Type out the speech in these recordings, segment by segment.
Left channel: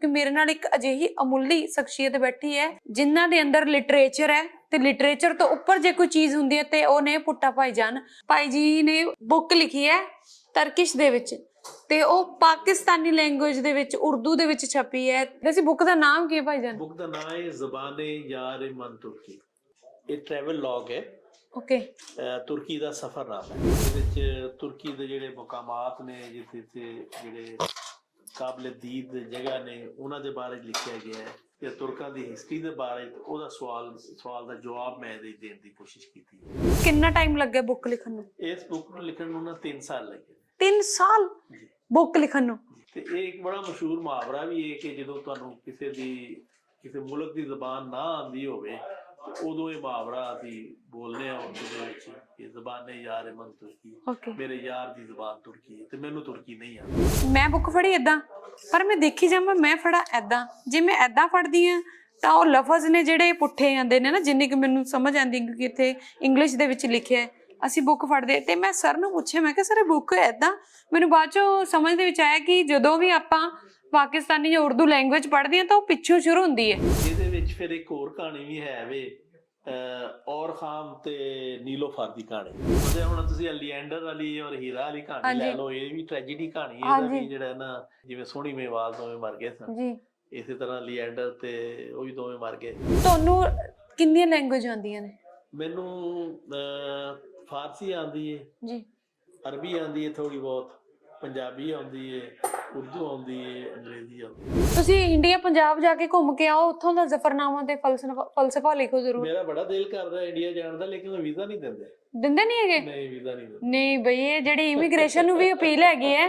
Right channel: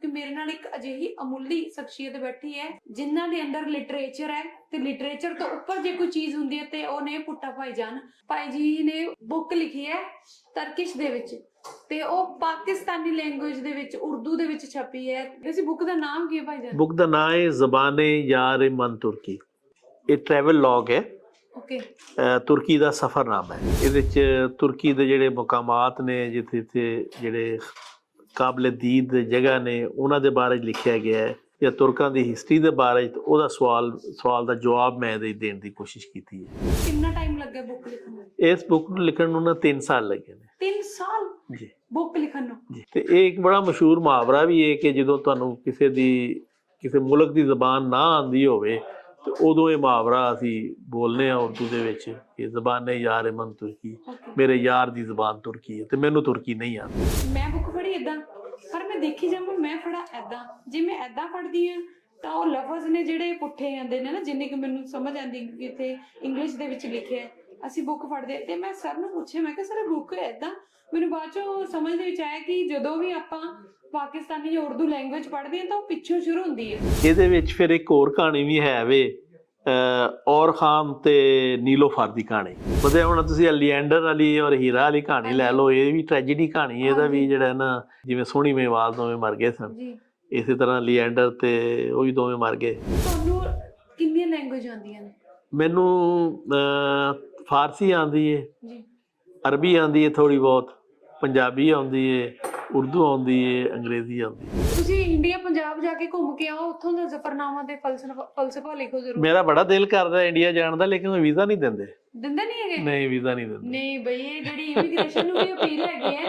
ਕਿ ਮੇਰੇ ਨਾਲ ਇੱਕ ਅਜਿਹੀ ਅਮੁੱਲੀ ਸ਼ਖਸੀਅਤ ਬੈਠੀ ਹੈ ਜਿਨ੍ਹਾਂ ਦੇ ਅੰਦਰ ਲਿਟਰੇਚਰ ਹੈ ਤੇ ਲਿਟਰੇਚਰ ਤੋਂ ਉੱਪਰ ਜੇ ਕੋਈ ਚੀਜ਼ ਹੁੰਦੀ ਹੈ ਤੇ ਉਹ ਨੇ ਪੁੱਟਾ ਭਾਈ ਜਾਨ ਭਾਈ ਜੀ ਨੇ ਬੁੱਕ ਲਿਖੀ ਹੈ ਤਰਕਿਸ਼ ਦੇ ਵਿੱਚ ਤੇ ਉਹ ਪਾਕਿਸਤਾਨੀ ਲੈਂਗੁਏਜ ਦੇ ਵਿੱਚ ਉਰਦੂ ਦੇ ਵਿੱਚ ਛਪੀ ਹੈ। ਵੈਸੇ ਬੁੱਕ ਦਾ ਨਾਮ ਕੀ ਹੈ ਭਾਈ ਜਾਨ? ਬੁੱਕ ਦਾ ਨਾਮ ਹੈ ਜ਼ਬਾਨੇ ਯਾਰ ਮਨ ਤੁਰਕੀ। ਇਹ ਟਰੈਵਲ ਲੌਗ ਹੈ। ਓਕੇ ਤੁਰਕੀ ਦਾ ਸਫ਼ਰਨਾਮਾ ਹੈ। ਇਹਦੇ ਚ ਤੁਰਕੀ ਦੇ ਜਿਹੜੇ ਮੁਕਾਮਾਤ ਨੇ ਜਿੱਥੇ ਜਿਹੜੇ ਕਾਬਲੇ ਦੀਦ ਜਗ੍ਹਾ ਨੇ ਉਹਨਾਂ ਦੇ ਬਾਰੇ ਲਿਖਿਆ ਗਿਆ ਹੈ ਜਾਂ ਤੁਰਕਾਂ ਦੀ ਹਿਸਟਰੀ ਦੇ ਬਾਰੇ ਉਹਦਾ ਸਵਾਲ ਸਵਾਲ ਦਾ ਜਵਾਬ ਮੈਂ ਇਹਦੇ ਦੇਣ ਦੀ ਕੋਸ਼ਿਸ਼ ਕੀਤੀ ਹੈ। ਕਿੰਨਾ ਟਾਈਮ ਲੱਗਿਆ ਬੁੱਕ ਲਿਖਣ ਨੂੰ? ਇਸ ਬੁੱਕ ਨੂੰ ਲਿਖਣ ਨੂੰ ਨਾ 3 ਸਾਲ ਲੱਗੇ ਨੇ। 3 ਸਾਲ? ਜੀ। ਬੁੱਕ ਲਿਖਣ ਨੂੰ? ਤੇ ਇਹ ਇੱਕ ਬੜਾ ਮਸ਼ਹੂਰ ਮੁਹਾਵਰਾ ਵੀ ਹੈ ਕਿ ਜਦੋਂ ਤੁਹਾਨੂੰ ਕਿਸੇ ਦੀ ਕਿਸੇ ਮੁਲਕ ਦੀ ਜ਼ਬਾਨ ਨਾ ਆਂਦੀ ਹੋਵੇ ਤੇ ਉਦੋਂ ਇਹ ਮੁਹਾਵਰਾ ਅਸੀਂ ਬੋਲਨੇ ਆ ਉਰਦੂ ਦੇ ਵਿੱਚ ਕਿ ਜ਼ਬਾਨੇ ਯਾਰ ਮਨ ਤੁਰਕੀ। ਮੇਰੇ ਯਾਰ ਦੀ ਜ਼ਬਾਨ ਤੁਰਕੀ ਹੈ ਤੇ ਮੈਨੂੰ ਤੁਰਕੀ ਨਹੀਂ ਆਉਂਦੀ। ਮੈਂ ਬੁੱਕ ਫੜੀ ਇਦਾਂ ਪਰ ਮੈਂ ਦੇਖੀ ਜਾਵਾਂ ਮੈਂ ਫੜਾ ਐਦਾਂ ਜੇ ਮੈਂ ਐਦਾਂ ਫੜਦੀ ਆ ਤਾਂ ਉਹ ਲਫ਼ਜ਼ ਨੇ ਜਿਹੜੇ ਪੁੱਠੇ ਆਂਦੇ ਨੇ ਨਾ ਜਿੰਨੇ ਕਿ ਮੈਨੂੰ ਸਮਝ ਆਂਦੀ ਕਿਉਂਕਿ ਇੱਥੇ ਇੰਗਲਿਸ਼ ਦੇ ਵਿੱਚ ਲਿਖਿਆ ਹੈ। ਅਸੀਂ ਬੁੱਕ ਫੜਦੇ ਤੇ ਮੈਂ ਸਰ ਨੂੰ ਪੁੱਛਿਆ ਮੈਂ ਕਿਹਾ ਸਰ ਇਹ ਬੁੱਕ ਐਦਾਂ ਮੈਨੂੰ ਬਾਅਦ ਚੋਂ ਸਮਝ ਦੇ ਵਿੱਚ ਆਇਆ ਕਿ ਜਦੋਂ ਵੀ ਆਪਾਂ ਪਾਕਿਸਤਾਨੀ ਜਾਂ ਉਰਦੂ ਲੈਂਗੁਏਜ ਪੜ੍ਹਦੇ ਹਾਂ ਤਾਂ ਉਹ ਪਿੱਛੋਂ ਸ਼ੁਰੂ ਹੁੰਦੀ ਹੈ ਇਹਦੇ ਵਿੱਚ ਫਿਰ ਇੱਕ ਹੋਰ ਕਹਾਣੀ ਵੀ ਹੈ ਵੇ ਔਰ ਖਾਨ ਤੇ ਨੀਲੋਫਰ ਦੀ ਕਹਾਣੀ। ਉਹਦੇ ਹੁਣ ਤੁਸੀਂ ਲੀਐਂਡਰ ਵਾਲੀ ਔਰ ਹੀਰਾ ਵਾਲੀ ਕਹਾਣੀ ਲੈ। ਲਓ ਇਹ ਵੀ ਟ੍ਰੈਜੇਡੀ ਕਹਾਣੀ ਹੈ ਇਹਦਾ। ਵੀ ਜਿਹੜਾ ਨਾ ਜਿਵੇਂ ਸੋਹਣੀ ਮੇਵਾਲ ਦੋਵੇਂ ਮਰ ਗਏ ਸਨ। ਜੀ। ਇਸੇ ਤਰ੍ਹਾਂ ਲੀਐਂਡਰ ਤੇ ਉਹ ਵੀ ਦੋਵੇਂ ਮਰ ਗਏ। ਤੁਹਾਨੂੰ ਕਿੰਨੀਆਂ ਲੈਂਗੁਏਜ ਆਉਂਦੀਆਂ ਨੇ? ਮੈਨੂੰ ਫਾਰਸੀ ਆਉਂਦੀ ਹੈ ਜੀ। ਅਰਬੀ ਆਉਂਦੀ ਹੈ ਥੋੜੀ ਬਹੁਤ ਪੰਜਾਬੀ ਆਉਂਦੀ ਹੈ ਉਰਦੂ ਆਉਂਦੀ ਹੈ ਅੰਗਰੇਜ਼ੀ ਆਉਂਦੀ ਹੈ ਤੁਸੀਂ ਇੰਡੀਆ ਪੰਜਾਬ ਜਾ ਕੇ ਘੁੰਮ ਕੇ ਆਓ ਉੱਥੋਂ ਦਾ ਜ਼ਫਰਨਾਮਾ ਤੇ ਫਲਸਫਾ ਫਲਸਫਾ ਲਿਖੋ ਜ਼ਰੂਰ। ਮੇਰਾ ਬੜਾ ਦਿਲ ਕਰਦਾ ਇੰਡੀਆ ਜਾਣ ਦਾ ਲੇਕਿਨ ਉਹ ਵੀਜ਼ਾ ਨਹੀਂ ਦਿੰਦੇ। ਦਿੰਦੇ ਨਹੀਂ ਹੈਗੇ? ਨਹੀਂ ਵੀਜ਼ਾ ਨਹੀਂ ਦਿੰਦੇ। ਨਹੀਂ ਬਈ ਇਹ ਜਿਹੜੀ ਇਮੀਗ੍ਰੇਸ਼ਨ ਨੂੰ ਵੀ ਅਪੀਲ ਹੈਗੀ ਹੈ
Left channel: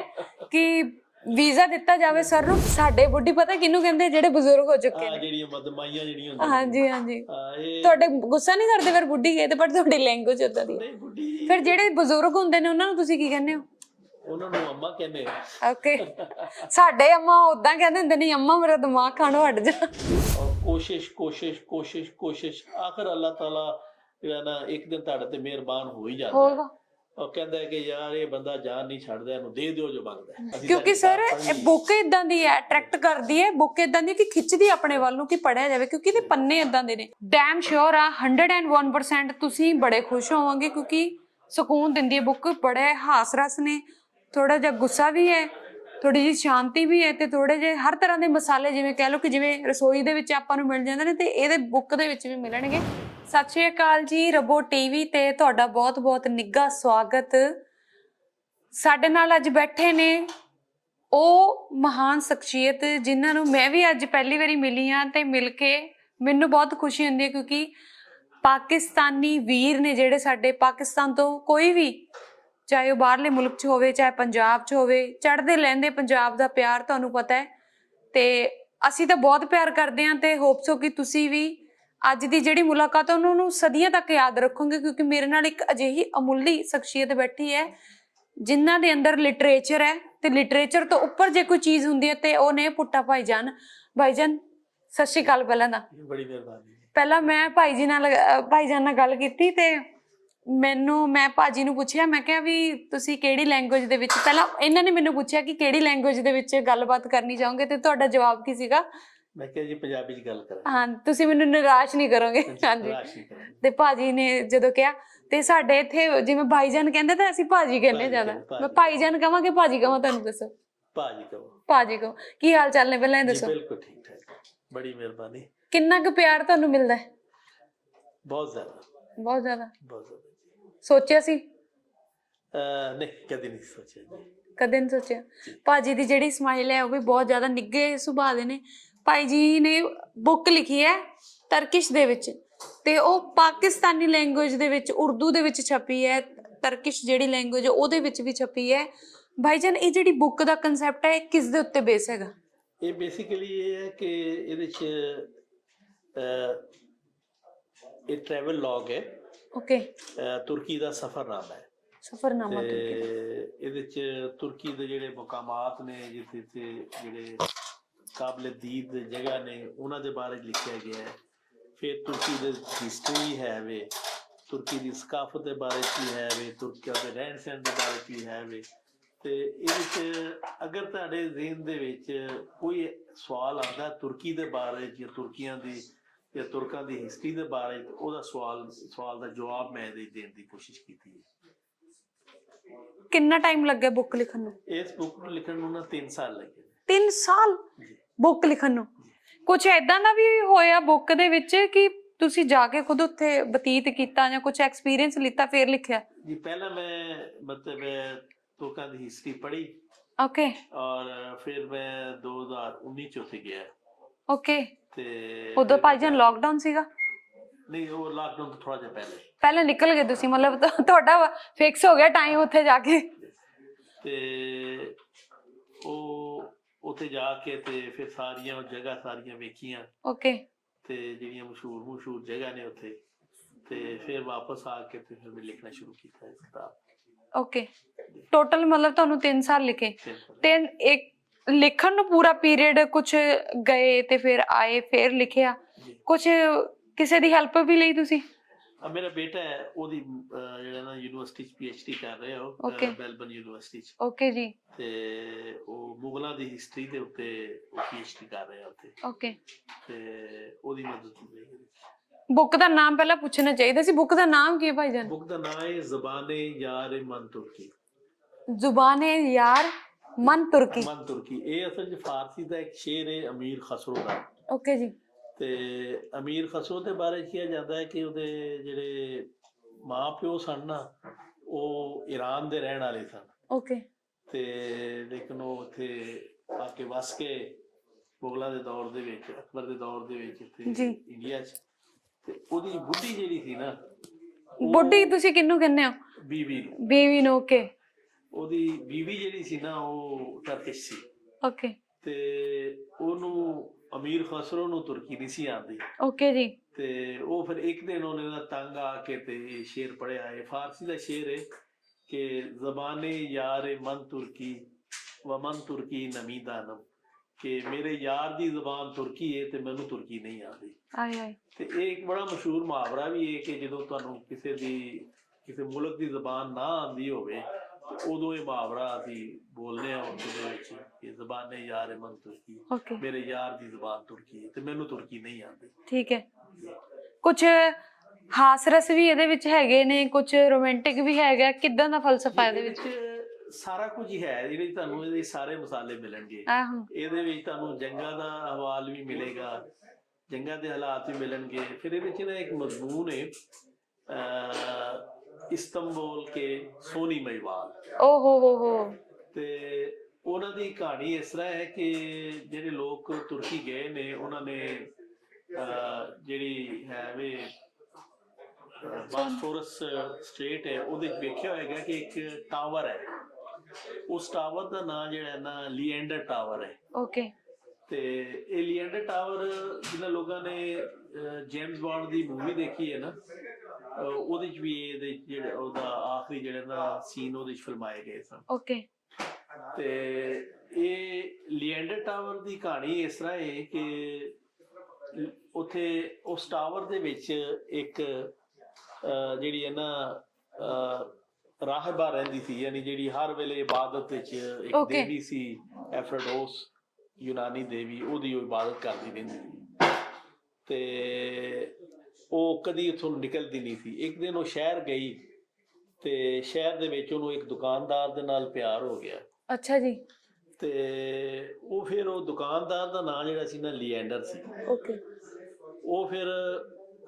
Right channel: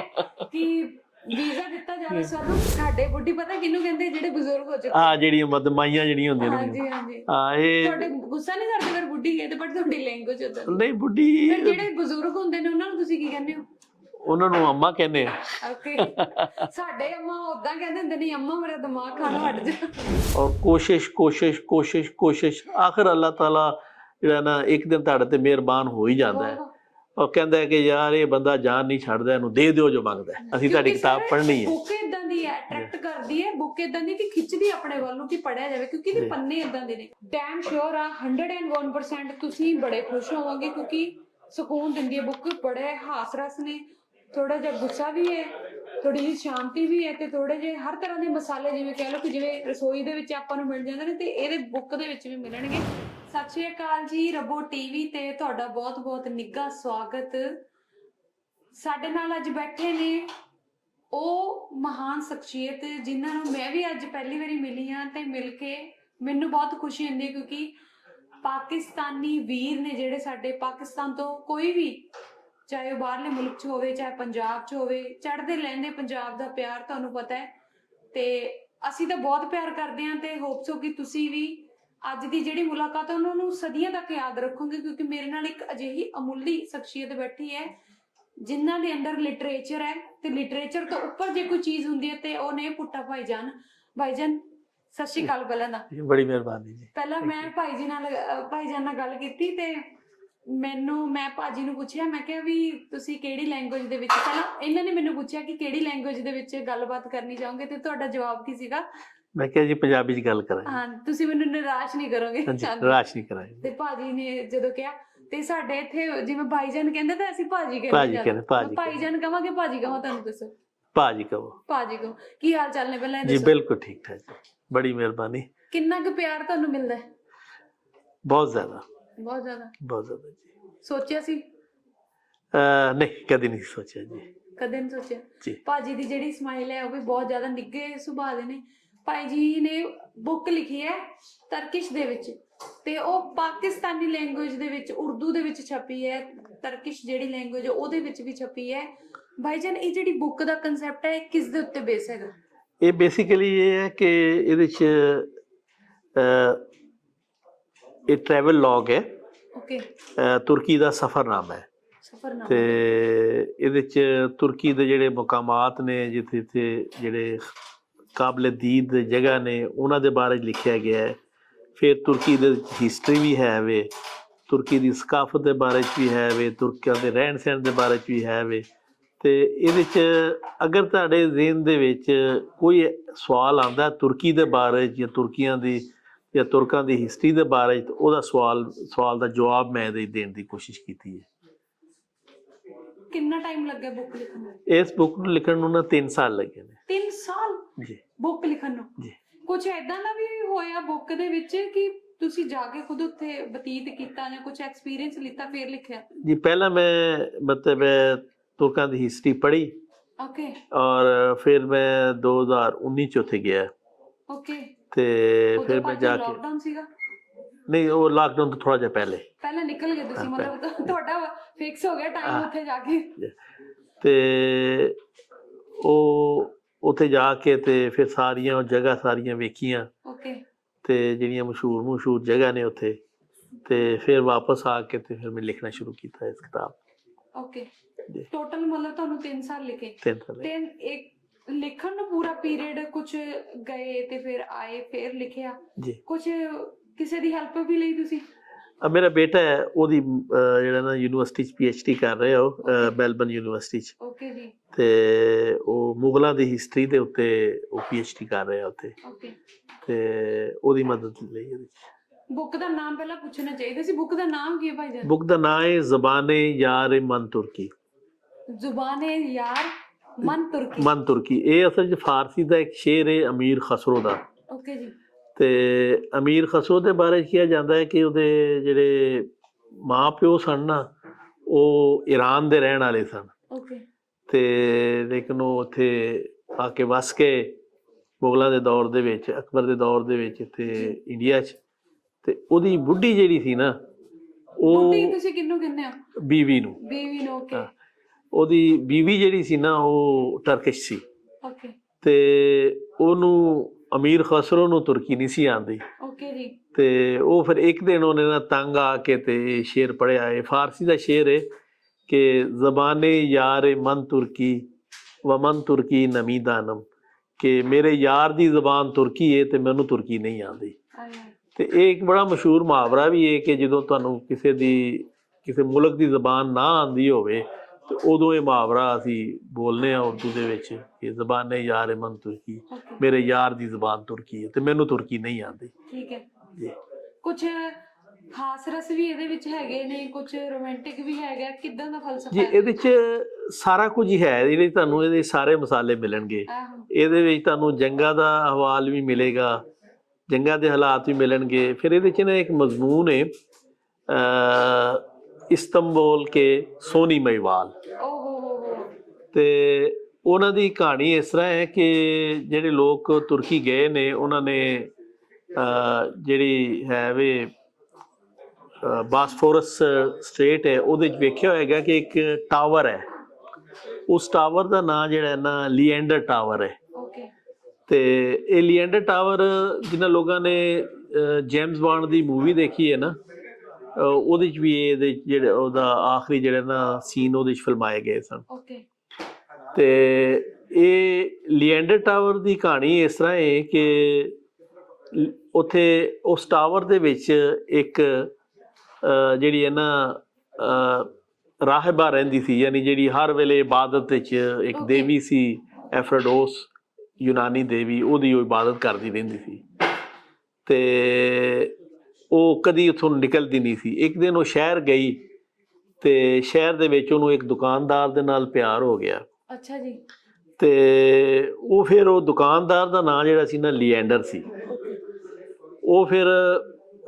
ਕਿ ਵੀਜ਼ਾ ਦਿੱਤਾ ਜਾਵੇ ਸਰ ਨੂੰ ਸਾਡੇ ਬੁੱਢੀ ਪਤਾ ਕਿਹਨੂੰ ਕਹਿੰਦੇ ਜਿਹੜੇ ਬਜ਼ੁਰਗ ਹੋ ਚੁੱਕੇ ਆ। ਜਿਹੜੀਆਂ ਮਦਮਾਈਆਂ ਜਿਹੜੀਆਂ ਹੁੰਦੀਆਂ ਹਾਂਜੀ ਨੇ। ਹਾਂਜੀ ਆ ਇਹ ਤੁਹਾਡੇ ਗੁੱਸਾ ਨਹੀਂ ਕਰਦੇ ਫਿਰ ਬੁੱਢੀ ਕਹਿੰਦੇ ਪਰ ਤੁਹਾਡੀ ਲੈਂਗੁਏਜ ਉਦਾਂ ਦੀ? ਨਹੀਂ ਬੁੱਢੀ ਫਿਰ ਜਿਹੜੇ ਬਜ਼ੁਰਗ ਹੁੰਦੇ ਨੇ ਉਹਨਾਂ ਨੂੰ ਤੁਸੀਂ ਕੀ ਕਹਿੰਦੇ ਹੋ? ਉਹਨਾਂ ਨੂੰ ਅੰਮਾ ਕਹਿੰਦੇ ਆ। ਓਕੇ। ਸਾਡੇ ਅੰਮਾ ਉਦਾਂ ਕਹਿੰਦੇ ਹੁੰਦੇ ਨਹੀਂ ਅੰਮਾ ਮੇਰਾ ਦਿਮਾਗ ਖਾਣੋ ਹਟ ਜਾ। ਔਰ ਕੋਸ਼ਿਸ਼ ਕੋਸ਼ਿਸ਼ ਕੋਸ਼ਿਸ਼ ਕੋਸ਼ਿਸ਼ ਆਖਰ ਅੱਲਾਹ ਤਾਲਾ ਜਿਹੜਾ ਨਾ ਇੱਕ ਦਿਨ ਤੁਹਾਡੇ ਤੇ ਮਿਹਰਬਾਨ ਹੋ ਹੀ ਜਾਂਦਾ ਹੈ। ਉਹ ਕਹਿੰਦਾ ਹੈ ਕਿ ਯਾਰ ਇਹ ਬੰਦਾ ਜਾਨ ਨਹੀਂ ਛੱਡਦਾ ਇਹਨੂੰ ਦੇ ਦਿਓ ਜੋ ਮੰਗਦਾ। ਅਸੀਂ ਤੁਹਾਡੀ ਕਿਤਾਬ ਪੜ੍ਹਨੀ ਹੈ। ਬੁੱਕ ਇਦਾਂ ਦੀ ਹੈ ਅਟਰੈਕਟ ਕਰਦੀ ਹੈ ਬੁੱਕ ਇਦਾਂ ਦੀ ਕਿ ਖਿੱਚਦੀ ਆਪਣੇ ਵੱਲ ਨੂੰ ਕਿ ਪੜਿਆ ਜਾਵੇ ਕਿਉਂਕਿ ਇਹਦੇ। ਪੰਨੇ ਇਦਾਂ ਦੇ ਨੇ। ਡੈਮ ਸ਼ੋਰ ਆ 101% ਤੁਸੀਂ ਬੜੇ ਖੁਸ਼ ਹੋਵੋਗੇ ਕਿਉਂਕਿ ਸਕੂਨ ਦਿੰਦੀ ਹੈ ਬੁੱਕ ਬੜੇ ਹਾਸ ਰਸ ਨੇ। ਥੋੜਾ ਜਿਹਾ ਗੁੱਸਾ ਵੀ ਹੈ ਥੋੜੀ ਜਿਹੀ ਸ਼ਾਂਤੀ ਵੀ ਹੈ ਤੇ ਥੋੜੇ ਜਿਹੇ ਹਰ ਤਰ੍ਹਾਂ ਦੇ ਮਸਾਲੇ ਜਿਵੇਂ ਕਹਿ ਲਓ ਕਿ ਜਿਵੇਂ ਰਸੋਈ ਦੇ ਵਿੱਚ ਆਪਾਂ ਨੂੰ ਮਿਲ ਜਾਂਦੇ ਨੇ ਤੇ ਇਹਦੇ ਬੁੱਕ ਦੇ ਵਿੱਚ ਵੀ ਮਿਲਣਗੇ। ਸਤਿ ਸ਼੍ਰੀ ਅਕਾਲ ਜੀ, ਰਬੋ ਟੀਵੀ ਤੇ ਤੁਹਾਡਾ ਬਹੁਤ-ਬਹੁਤ ਨਿੱਘਾ ਸਵਾਗਤ। ਸਾਡੇ ਨਾਲ ਅੱਜ ਬੈਠੇ ਨੇ ਉਹ ਮਹਾਨ ਸ਼ਖਸੀਅਤ ਜਿਨ੍ਹਾਂ ਨੂੰ ਮੈਂ ਵੀ ਅੱਜ ਪਹਿਲੀ ਵਾਰੀ ਮਿਲੀ ਆ ਤੇ ਮਿਲ ਕੇ ਮੈਨੂੰ ਬਹੁਤ ਖੁਸ਼ੀ ਹੁੰਦੀ ਹੈ ਕਿਉਂਕਿ ਪਾਕਿਸਤਾਨੀ ਵੀਰ ਨੇ ਜਿਹੜੇ ਸਾਡੇ ਪਾਕਿਸਤਾਨ ਤੋਂ ਕੋਈ ਵੀ ਚਾਹੇ ਉਹ ਬਾਹਰਲੇ ਮੁਲਕ 'ਚ ਹੋਵੇ ਚਾਹੇ ਪੰਜਾਬ 'ਚ ਹੋਵੇ ਚੜ੍ਹਦੇ ਲਹਿੰਦੇ ਪੰਜਾਬ ਦਾ ਪਿਆਰ ਤੁਹਾਨੂੰ ਪਤਾ ਹੈ। ਤੇ ਅਸੀਂ ਤਾਂ ਬਹੁਤ ਪਿਆਰ ਕਰਦੇ ਹਾਂ ਤੇ ਹੋਪਸ ਕਿ ਤੁਸੀਂ ਵੀ ਅੱਜ ਦੀ ਜਿਹੜੀ ਮੁਲਾਕਾਤ ਹੈ ਉਹਨਾਂ ਨੂੰ ਸਦੀਆਂ ਤੱਕ ਯਾਦ ਰੱਖੋਗੇ ਕਿਉਂਕਿ ਮੇਰੇ ਨਾਲ ਇੱਕ ਅਜਿਹੀ ਅਮੁੱਲੀ ਸ਼ਖਸੀਅਤ ਬੈਠੀ ਹੈ ਜਿਨ੍ਹਾਂ ਦੇ ਅੰਦਰ ਲਿਟਰੇਚਰ ਹੈ ਤੇ ਲਿਟਰੇਚਰ ਤੋਂ ਉੱਪਰ ਜੇ ਕੋਈ ਚੀਜ਼ ਹੁੰਦੀ ਹੈ ਤੇ ਉਹ ਨੇ ਪੁੱਟਾ ਭਾਈਜਾਨ ਭਾਈਜਾਨ ਸਤਿ ਸ਼੍ਰੀ ਅਕਾਲ ਪਹਿਲਾਂ ਜੀ, ਬੜੀ ਮਿਹਰਬਾਨੀ ਜੀ। ਪਹਿਲਾਂ ਮੈਂ ਭਾਈ ਜੀ ਨਾਲ ਭਾਈਜਾਨ ਨਾਲ ਗੱਲ ਕੀਤੀ ਤੇ ਮੈਨੂੰ ਮੈਂ ਭਾਜੀ ਨੂੰ ਪੁੱਛਿਆ ਮੈਂ ਕਿਹਾ ਵੀ ਤੁਸੀਂ ਕਿਹੜੀ ਲੈਂਗੁਏਜ ਦੇ ਵਿੱਚ ਪਹਿਲਾਂ ਇਹਨਾਂ ਨੇ ਮੈਨੂੰ ਪੁੱਛਿਆ ਕਿ ਕਿਹੜੀ ਲੈਂਗੁਏਜ ਦੇ ਵਿੱਚ ਗੱਲਬਾਤ ਕਰਨੀ ਚਾਹੋਗੇ ਤੇ ਤੁਹਾਡਾ ਜਵਾਬ ਕੀ ਸੀਗਾ? ਮੈਂ ਕਿਹਾ ਜੀ ਪੰਜਾਬੀ ਚ ਗੱਲ ਕਰਾਂਗੇ। ਹਾਂ ਤੁਸੀਂ ਮੈਨੂੰ ਨਿਰਾਸ਼ ਨਹੀਂ ਕਰੋਗੇ। ਹਾਂਜੀ ਹਾਂਜੀ। ਰਾਸ਼ੀ ਕਰਾਂਗੇ। ਤੇ ਭਾਜੀ ਨੇ ਜਦੋਂ ਕਿਹਾ ਤੇ ਸਾਡੇ ਇੱਥੇ ਜਿਵੇਂ ਭਾਈਜਾਨ ਕਹਿੰਦੇ ਤਾਂ ਅਸੀਂ ਭਾਜੀ ਕਹਿੰਦੇ ਜਾਂਦੇ ਭਾਈਜਾਨ ਕਵਾਂਗੇ ਭਾਜੀ ਕਵਾਂ ਤੁਹਾਨੂੰ ਦੱਸੋ। ਭਾਜੀ ਕਹੋ। ਭਾਜੀ ਕੋ ਕੀ ਹਾਲ ਚਾਲ ਨੇ ਪਹਿਲਾਂ ਇਹ ਜੀ ਦੱਸੋ। ਬਿਲਕੁਲ ਠੀਕ ਠਾਕ। ਬੜੀ ਮਿਹਰਬਾਨੀ। ਕਿੰਨਾ ਕੁ ਪਿਆਰ ਤੁਹਾਨੂੰ ਮਿਲਦਾ ਹੈ? ਬਹੁਤ ਜ਼ਿਆਦਾ। ਬਹੁਤ ਜ਼ਿਆਦਾ। ਬਹੁਤ ਜ਼ਿਆਦਾ ਜੀ। ਸੋਚਿਆ ਸੀ? ਅਹ ਨਹੀਂ ਕਦੇ ਨਹੀਂ ਸੋਚਿਆ ਜੀ। ਕਦੇ ਨਹੀਂ ਸੋਚਿਆ। ਜੀ। ਭਾਜੀ ਦੀ ਜਿਹੜੀ ਸਮਾਈਲ ਹੈ ਉਹ ਵੀ ਬਹੁਤ ਜ਼ਿਆਦਾ ਨਿੱਘੇ ਸੁਭਾਅ ਦੇ ਨੇ। ਭਾਈ ਜੀ ਨੇ ਬੁੱਕ ਲਿਖੀ ਹੈ ਤਰਕਿਸ਼ ਦੇ ਵਿੱਚ। ਤੇ ਉਹ ਪਾਕਿਸਤਾਨੀ ਲੈਂਗੁਏਜ ਦੇ ਵਿੱਚ ਉਰਦੂ ਦੇ ਵਿੱਚ ਛਪੀ ਹੈ ਤਰਕਿਸ਼ ਜਿਹੜੀ ਲੈਂਗੁਏਜ ਹੈ ਉਹਦੇ ਵਿੱਚ ਵੀ ਛਪੀ ਹੈ। ਭਾਈਜਾਨ ਇਹ ਜਿਹੜੀ ਬੁੱਕ ਦਾ ਕਨਸੈਪਟ ਹੈ ਇਹ ਕਿਸ ਦੇ ਉੱਤੇ ਬੇਸ ਹੈਗਾ? ਇਹ ਬੇਸਿਕਲੀ ਇਹ ਹੈ ਕਿ ਇਹਦੇ ਚ ਅਹ, ਇਹ ਟਰੈਵਲ ਲੌਗ ਹੈ। ਓਕੇ ਤੁਰਕੀ ਦਾ ਸਫ਼ਰਨਾਮਾ ਹੈ। ਸਫਰਨਾਮਾ। ਤੇ ਇਹਦੇ ਚ ਤੁਰਕੀ ਦੇ ਜਿਹੜੇ ਮੁਕਾਮਾਤ ਨੇ ਜਿੱਥੇ ਤੇ ਜਿਹੜੇ ਕਾਬਲੇ ਦੀਦ ਜਗ੍ਹਾ ਨੇ ਉਹਨਾਂ ਦੇ ਬਾਰੇ ਲਿਖਿਆ ਗਿਆ ਹੈ। ਫਿਰ ਤੁਰਕੀ ਦੇ ਹਿਸਟਰੀ ਵੀ ਹੈ ਵੇ ਤੁਰਕੀ ਦੀ ਸਕਾਫਤ ਦੇ ਬਾਰੇ 'ਚ ਵੀ ਹੈ ਵੇ ਤੁਰਕਾਂ ਦੇ ਰਹਿਣ ਸਹਿਣ ਦੇ ਬਾਰੇ 'ਚ ਵੀ ਹੈ ਵੇ ਤੇ ਇਹਦੇ ਚ ਅਗਰ ਤੁਹਾਡੇ ਜ਼ਿਹਨ ਦੇ ਵਿੱਚ ਕੋਈ ਸਵਾਲ ਆਂਦਾ ਤੁਰਕੀ ਦੇ ਬਾਰੇ ਜਾਂ ਤੁਰਕੀਆਂ ਦੀ ਜਾਂ ਤੁਰਕਾਂ ਦੀ ਹਿਸਟਰੀ ਦੇ ਬਾਰੇ ਉਹਦਾ ਸਵਾਲ ਸਵਾਲ ਦਾ ਜਵਾਬ ਮੈਂ 'ਚ ਦੇਣ ਦੀ ਕੋਸ਼ਿਸ਼ ਕੀਤੀ ਹੈ। ਕਿੰਨਾ ਟਾਈਮ ਲੱਗਿਆ ਬੁੱਕ ਲਿਖਣ ਨੂੰ? ਇਸ ਬੁੱਕ ਨੂੰ ਲਿਖਣ ਨੂੰ ਨਾ 3 ਸਾਲ ਲੱਗੇ ਨੇ। 3 ਸਾਲ? ਜੀ। ਬੁੱਕ ਲਿਖਣ ਨੂੰ? ਜੀ। ਕੁਝ ਐਦਾਂ ਦਾ ਵੀ ਹੋਇਆ ਬੁੱਕ ਦੇ ਵਿੱਚ ਕਿ ਤੁਸੀਂ ਜਾ ਕੇ ਖੁਦ ਉੱਥੇ ਬਤੀਤ ਕੀਤਾ ਜਾਂ ਕੁਝ ਐਕਸਪੀਰੀਅੰਸ ਲਿੱਤਾ ਫੇਰ ਲਿਖਿਆ? ਜੀ ਪਹਿਲਾਂ ਮੈਂ ਮਤਲਬ ਤੁਰਕਾਂ ਦੀ ਹਿਸਟਰੀ ਪੜ੍ਹੀ। ਓਕੇ ਔਰ ਫਿਰ ਮੈਂ 2019 ਚ ਉੱਥੇ ਗਿਆ। ਓਕੇ ਤੇ ਉਦੋਂ ਭਾਜੀ ਲਾਕਡਾਊਨ ਸੀਗਾ। ਨਹੀਂ ਉਹ ਲਾਕਡਾਊਨ ਤੋਂ ਥੋੜਾ ਜਿਹਾ ਪਹਿਲੇ। ਪਹਿਲਾਂ ਨਿਕਲ ਗਏ ਤੁਸੀਂ ਮਤਲਬ ਤੁਹਾਡਾ ਫਿਕਸ ਹੋ ਗਿਆ ਟਾਈਮ। ਉੱਥੇ ਜਾ ਕੇ। ਤੇ ਉਹ ਉੱਥੇ ਜਾ ਕੇ ਤੇ ਫਿਰ ਸਾਰੀਆਂ ਜਗ੍ਹਾ ਸਾਰੀਆਂ ਵੇਖੀਆਂ। ਓਕੇ ਤੇ ਜਿਹੜੀਆਂ ਮਸ਼ਹੂਰ ਮਸ਼ਹੂਰ ਜਗ੍ਹਾ ਨੇ ਉੱਥੇ ਤੇ ਫਿਰ ਵਾਪਸ ਆ ਕੇ ਤੇ ਫਿਰ ਮੈਂ ਲਿਖਣਾ ਸ਼ੁਰੂ ਕੀਤਾ ਇਸ ਕਿਤਾਬ। ਓਕੇ। ਟੋਟਲ ਮਤਲਬ ਤੁਹਾਨੂੰ 3 ਸਾਲ ਲਿਖੇ। ਤਿੰਨ ਸਾਲ। ਤੇ ਇੱਕ ਲਿਖਣ ਨੂੰ ਪੂਰਾ ਪੀਰੀਅਡ ਕੁਝ ਗਏ ਤੇ ਫਿਰ ਆਏ ਫਿਰ ਲਿਖਿਆ। ਜੀ। ਕੁਝ ਕਿਸੇ ਦੀ ਹੈਲਪ ਵੀ ਲਈ ਤੁਸੀਂ? ਮੇਰਾ ਬੇਟਾ ਹੈ ਉਹਦੀ ਜਿਹੜਾ ਨਾ ਯੂਨੀਵਰਸਿਟੀ ਚ ਪੀਐਚਡੀ ਕਰ ਰਿਹਾ ਉਹ. ਮੈਲਬਨ ਯੂਨੀਵਰਸਿਟੀ ਚ। ਓਕੇ ਜੀ। ਤੇ ਉਹ ਮੁਗਲਾਂ ਦੀ ਹਿਸਟਰੀ ਦੇ ਉੱਤੇ ਉਹ ਪੀਐਚਡੀ ਕਰ ਰਿਹਾ ਉੱਥੇ। ਓਕੇ ਤੇ ਉਹਦੀ ਮਦਦ ਲਈ ਇਹਦੇ ਚ। ਬੁੱਕ ਦਾ ਨਾਮ ਪਹਿਲਾਂ ਪੁੱਛਣਾ ਚਾਹੀਦਾ ਸੀ। ਬੁੱਕ ਦਾ ਨਾਮ ਕੀ ਹੈ ਭਾਈਜਾਨ ਬੁੱਕ ਦਾ ਨਾਮ ਹੈ ਜ਼ਬਾਨੇ ਯਾਰ ਮਨ ਤੁਰਕੀ। ਜ਼ੁਬਾਨੇ ਯਾਰ ਮਨ ਤੁਰਕੀ ਮਨ ਤੁਰਕੀ ਇਹ ਅਸਲ 'ਚ ਫਾਰਸੀ ਦਾ ਇੱਕ ਸ਼ੇਰ ਹੈ ਅਮੀਰ ਖਸਰੋ ਦਾ। ਓਕੇ ਜੀ। ਤੇ ਅਮੀਰ ਖਸਰੋ ਦੇ ਬਾਰੇ ਕਿਹਾ ਜਾਂਦਾ ਹੈ ਕਿ ਉਹਦੇ ਜਿਹੜੇ ਮਾਪਿਓ ਸਨ ਨਾ ਉਹ ਈਰਾਨ ਦੇ ਰਹਿਣ ਵਾਲੇ ਸਨ। ਓਕੇ। ਤੇ ਲੇਕਿਨ ਉਹ ਇੱਥੇ ਆ ਕੇ ਵਸ ਕੇ ਮੁਗਲਾਂ ਦੇ ਦੌਰ ਦੇ ਵਿੱਚ ਅਕਬਰ ਦੇ ਦੌਰ ਦੇ ਵਿੱਚ ਇੱਥੇ ਜੀ। ਇੰਡੀਆ 'ਚ। ਤੇ ਉਹਦੀ ਬੁੱਢੀ ਜਿਹੜੀ ਸੀ ਨਾ ਬੁੱਢੀ ਤੁਸੀਂ ਕਿਹਨੂੰ ਕਹਿੰਦੇ ਹੋ? ਬੀਵੀ ਨੂੰ। ਬੀਵੀ ਨੂੰ ਓਕੇ। ਉਹਦੀ ਬੀਵੀ ਜਿਹੜੀ ਸੀ ਨਾ ਉਹ ਟਰਕਿਸ਼ ਸੀ। ਓਕੇ ਤੇ ਉਹਨੂੰ ਅਮੀਰ ਖਸਰੋ ਨੂੰ ਤੁਰਕੀ ਨਹੀਂ ਸੀ ਆਂਦੀ ਓਕੇ ਜੀ। ਤੇ ਉਹ ਫਿਰ ਇੱਕ ਦਿਨ ਉਹਨੇ ਨਾ ਤੰਗ ਆ ਕੇ ਤੇ ਇਹ ਸ਼ੇਰ ਪੜਿਆ ਹੈ ਫਾਰਸੀ ਦਾ ਸ਼ੇਰ ਹੈ ਕਿ ਜ਼ਬਾਨੇ ਯਾਰ ਮਨ ਤੁਰਕੀ ਵ ਮਨ ਤੁਰਕੀ ਨਮੀ ਦਾਨਮ। ਕਿ ਮੇਰੇ ਯਾਰ ਦੀ ਜ਼ਬਾਨ ਤੁਰਕੀ ਹੈ ਤੇ ਮੈਨੂੰ ਤੁਰਕੀ ਨਹੀਂ ਆਏ ਤੇ ਇਹ ਇੱਕ ਬੜਾ ਮਸ਼ਹੂਰ ਮੁਹਾਵਰਾ ਵੀ ਹੈ ਕਿ ਜਦੋਂ ਤੁਹਾਨੂੰ ਕਿਸੇ ਦੀ ਕਿਸੇ ਮੁਲਕ ਦੀ ਜ਼ਬਾਨ ਨਾ ਆਂਦੀ ਹੋਵੇ ਤੇ ਉਦੋਂ ਇਹ ਮੁਹਾਵਰਾ ਅਸੀਂ ਬੋਲਨੇ ਆ ਉਰਦੂ ਦੇ ਵਿੱਚ ਕਿ ਜ਼ਬਾਨੇ ਯਾਰ ਮਨ ਤੁਰਕੀ ਮੇਰੇ ਯਾਰ ਦੀ ਜ਼ਬਾਨ ਤੁਰਕੀ ਹੈ ਤੇ ਮੈਨੂੰ ਤੁਰਕੀ ਨਹੀਂ ਆਂਦੀ ਠੀਕ ਹੈ। ਜੀ। ਕੁਝ ਹਾਸ ਰਸ ਵੀ ਇਹਦੇ ਵਿੱਚ ਹੈਗੇ ਨੇ ਕੁਝ ਰੋਮਾਂਟਿਕ ਵੀ ਹੈਗਾ ਕਿਦਾਂ ਦਾ ਜੀ ਫਲਸਫਾ ਹੈ ਇਹਦੇ ਵਿੱਚ? ਸਾਰਾ ਕੁਝ ਹੀ ਹੈ ਇਹਦੇ ਵਿੱਚ ਤੁਹਾਨੂੰ ਇਹਦੇ ਸਾਰੇ ਮਸਾਲੇ ਮਿਲਣਗੇ। ਆਹੋ। ਇਹਦੇ ਵਿੱਚ ਤੁਹਾਨੂੰ ਜੰਗਾਂ ਦਾ ਹਵਾਲ ਵੀ ਮਿਲੇਗਾ ਜੰਗਾਂ ਦੇ ਹਾਲਾਤ ਵੀ ਮਿਲਣਗੇ। ਫਿਰ ਇਹਦੇ ਵਿੱਚ ਨਾ ਇੱਕ ਮਜ਼ਮੂਨ ਹੈ ਅ ਇਸਤੰਬੁਲ ਕੇ ਸੋਨੀ ਮਹੀਵਾਲ। ਓ ਹੋ ਹੋ। ਹੋ ਤੇ ਉਹਨਾਂ ਦੀ ਕਹਾਣੀ ਇਸ ਤਰ੍ਹਾਂ ਹੈ ਕਿ ਜਿਹੜੇ ਲੋਕ ਤੁਰਕੀ ਗਏ ਨੇ ਉਹਨਾਂ ਨੇ ਜਿਹੜੀ ਹੈ ਵੇ ਬਾਸਫੋਰਸ ਸਟ੍ਰੇਟ ਹੈ ਉਹਦੇ ਵਿੱਚ ਵੇਖਿਆ ਹੋਏਗਾ ਕਿ ਇੱਕ ਟਾਵਰ ਹੈ। ਉਸ ਟਾਵਰ ਦਾ ਨਾਮ ਜਿਹੜਾ ਹੈ ਨਾ ਲੀਐਂਡਰ ਟਾਵਰ ਹੈ। ਓਕੇ। ਤੇ ਇਹ ਲੀਐਂਡਰ ਟਾਵਰ ਜਿਨ੍ਹਾਂ ਲੋਕਾਂ ਨੇ ਜੇਮਸ ਬੌਂਡ ਦੀ ਮੂਵੀ ਦੇਖੀ ਹੈ ਨਾ ਉਹਦੇ ਵਿੱਚ ਵੀ ਇਹਦੇ ਜਿਹੜੇ ਉਹਦਾ ਆਖਰੀ ਜਿਹੜਾ ਨਾ ਸੀਨ ਉਹਦੇ ਵਿੱਚ ਫਿਲਮਾਏ ਗਏ ਸਨ। ਓਕੇ ਤੇ ਇਹ ਲੀਐਂਡਰ ਟਾਵਰ ਦੀ ਕਹਾਣੀ ਇਸ ਤਰ੍ਹਾਂ ਹੈ ਕਿ ਉੱਥੇ ਉਸ ਟਾਵਰ ਦੇ ਵਿੱਚ ਇੱਕ ਜਿਹੜੀ ਹੈ ਨਾ ਰਾਹਿਬਾ ਰਹਿੰਦੀ ਸੀ ਯਾਨੀ ਜਿਹੜੀ ਹਰ ਵੇਲੇ ਇਬਾਦਤ ਵਿੱਚ ਇੱਕ. ਦੇਵੀ ਸੀ ਐਫਰੋਡੋਸ ਯੂਨਾਨੀ ਦੇਵੀ ਉਹਦੀ ਉਹ ਇਬਾਦਤ ਕਰਦੀ ਰਹਿੰਦੀ ਸੀ। ਤੇ ਉਹ ਕਦੀ ਉੱਥੋਂ ਨਿਕਲਦੀ ਨਹੀਂ ਸੀ। ਇੱਕ ਦਿਨ ਉਹ ਸ਼ਹਿਰ ਗਈ ਤੇ ਸ਼ਹਿਰ ਦੇ ਵਿੱਚ ਉਹਨੂੰ ਇੱਕ ਦੁਕਾਨਦਾਰ ਦੇ ਨਾਲ ਪਿਆਰ ਹੋ ਗਿਆ। ਅੱਛਾ ਜੀ। ਤੇ ਉਹ ਫਿਰ ਉਹ ਦੁਕਾਨਦਾਰ ਦਾ ਨਾਂ ਜਿਹੜਾ ਸੀ ਨਾ ਲੀਐਂਡਰ ਸੀ। ਉਹ ਫਿਰ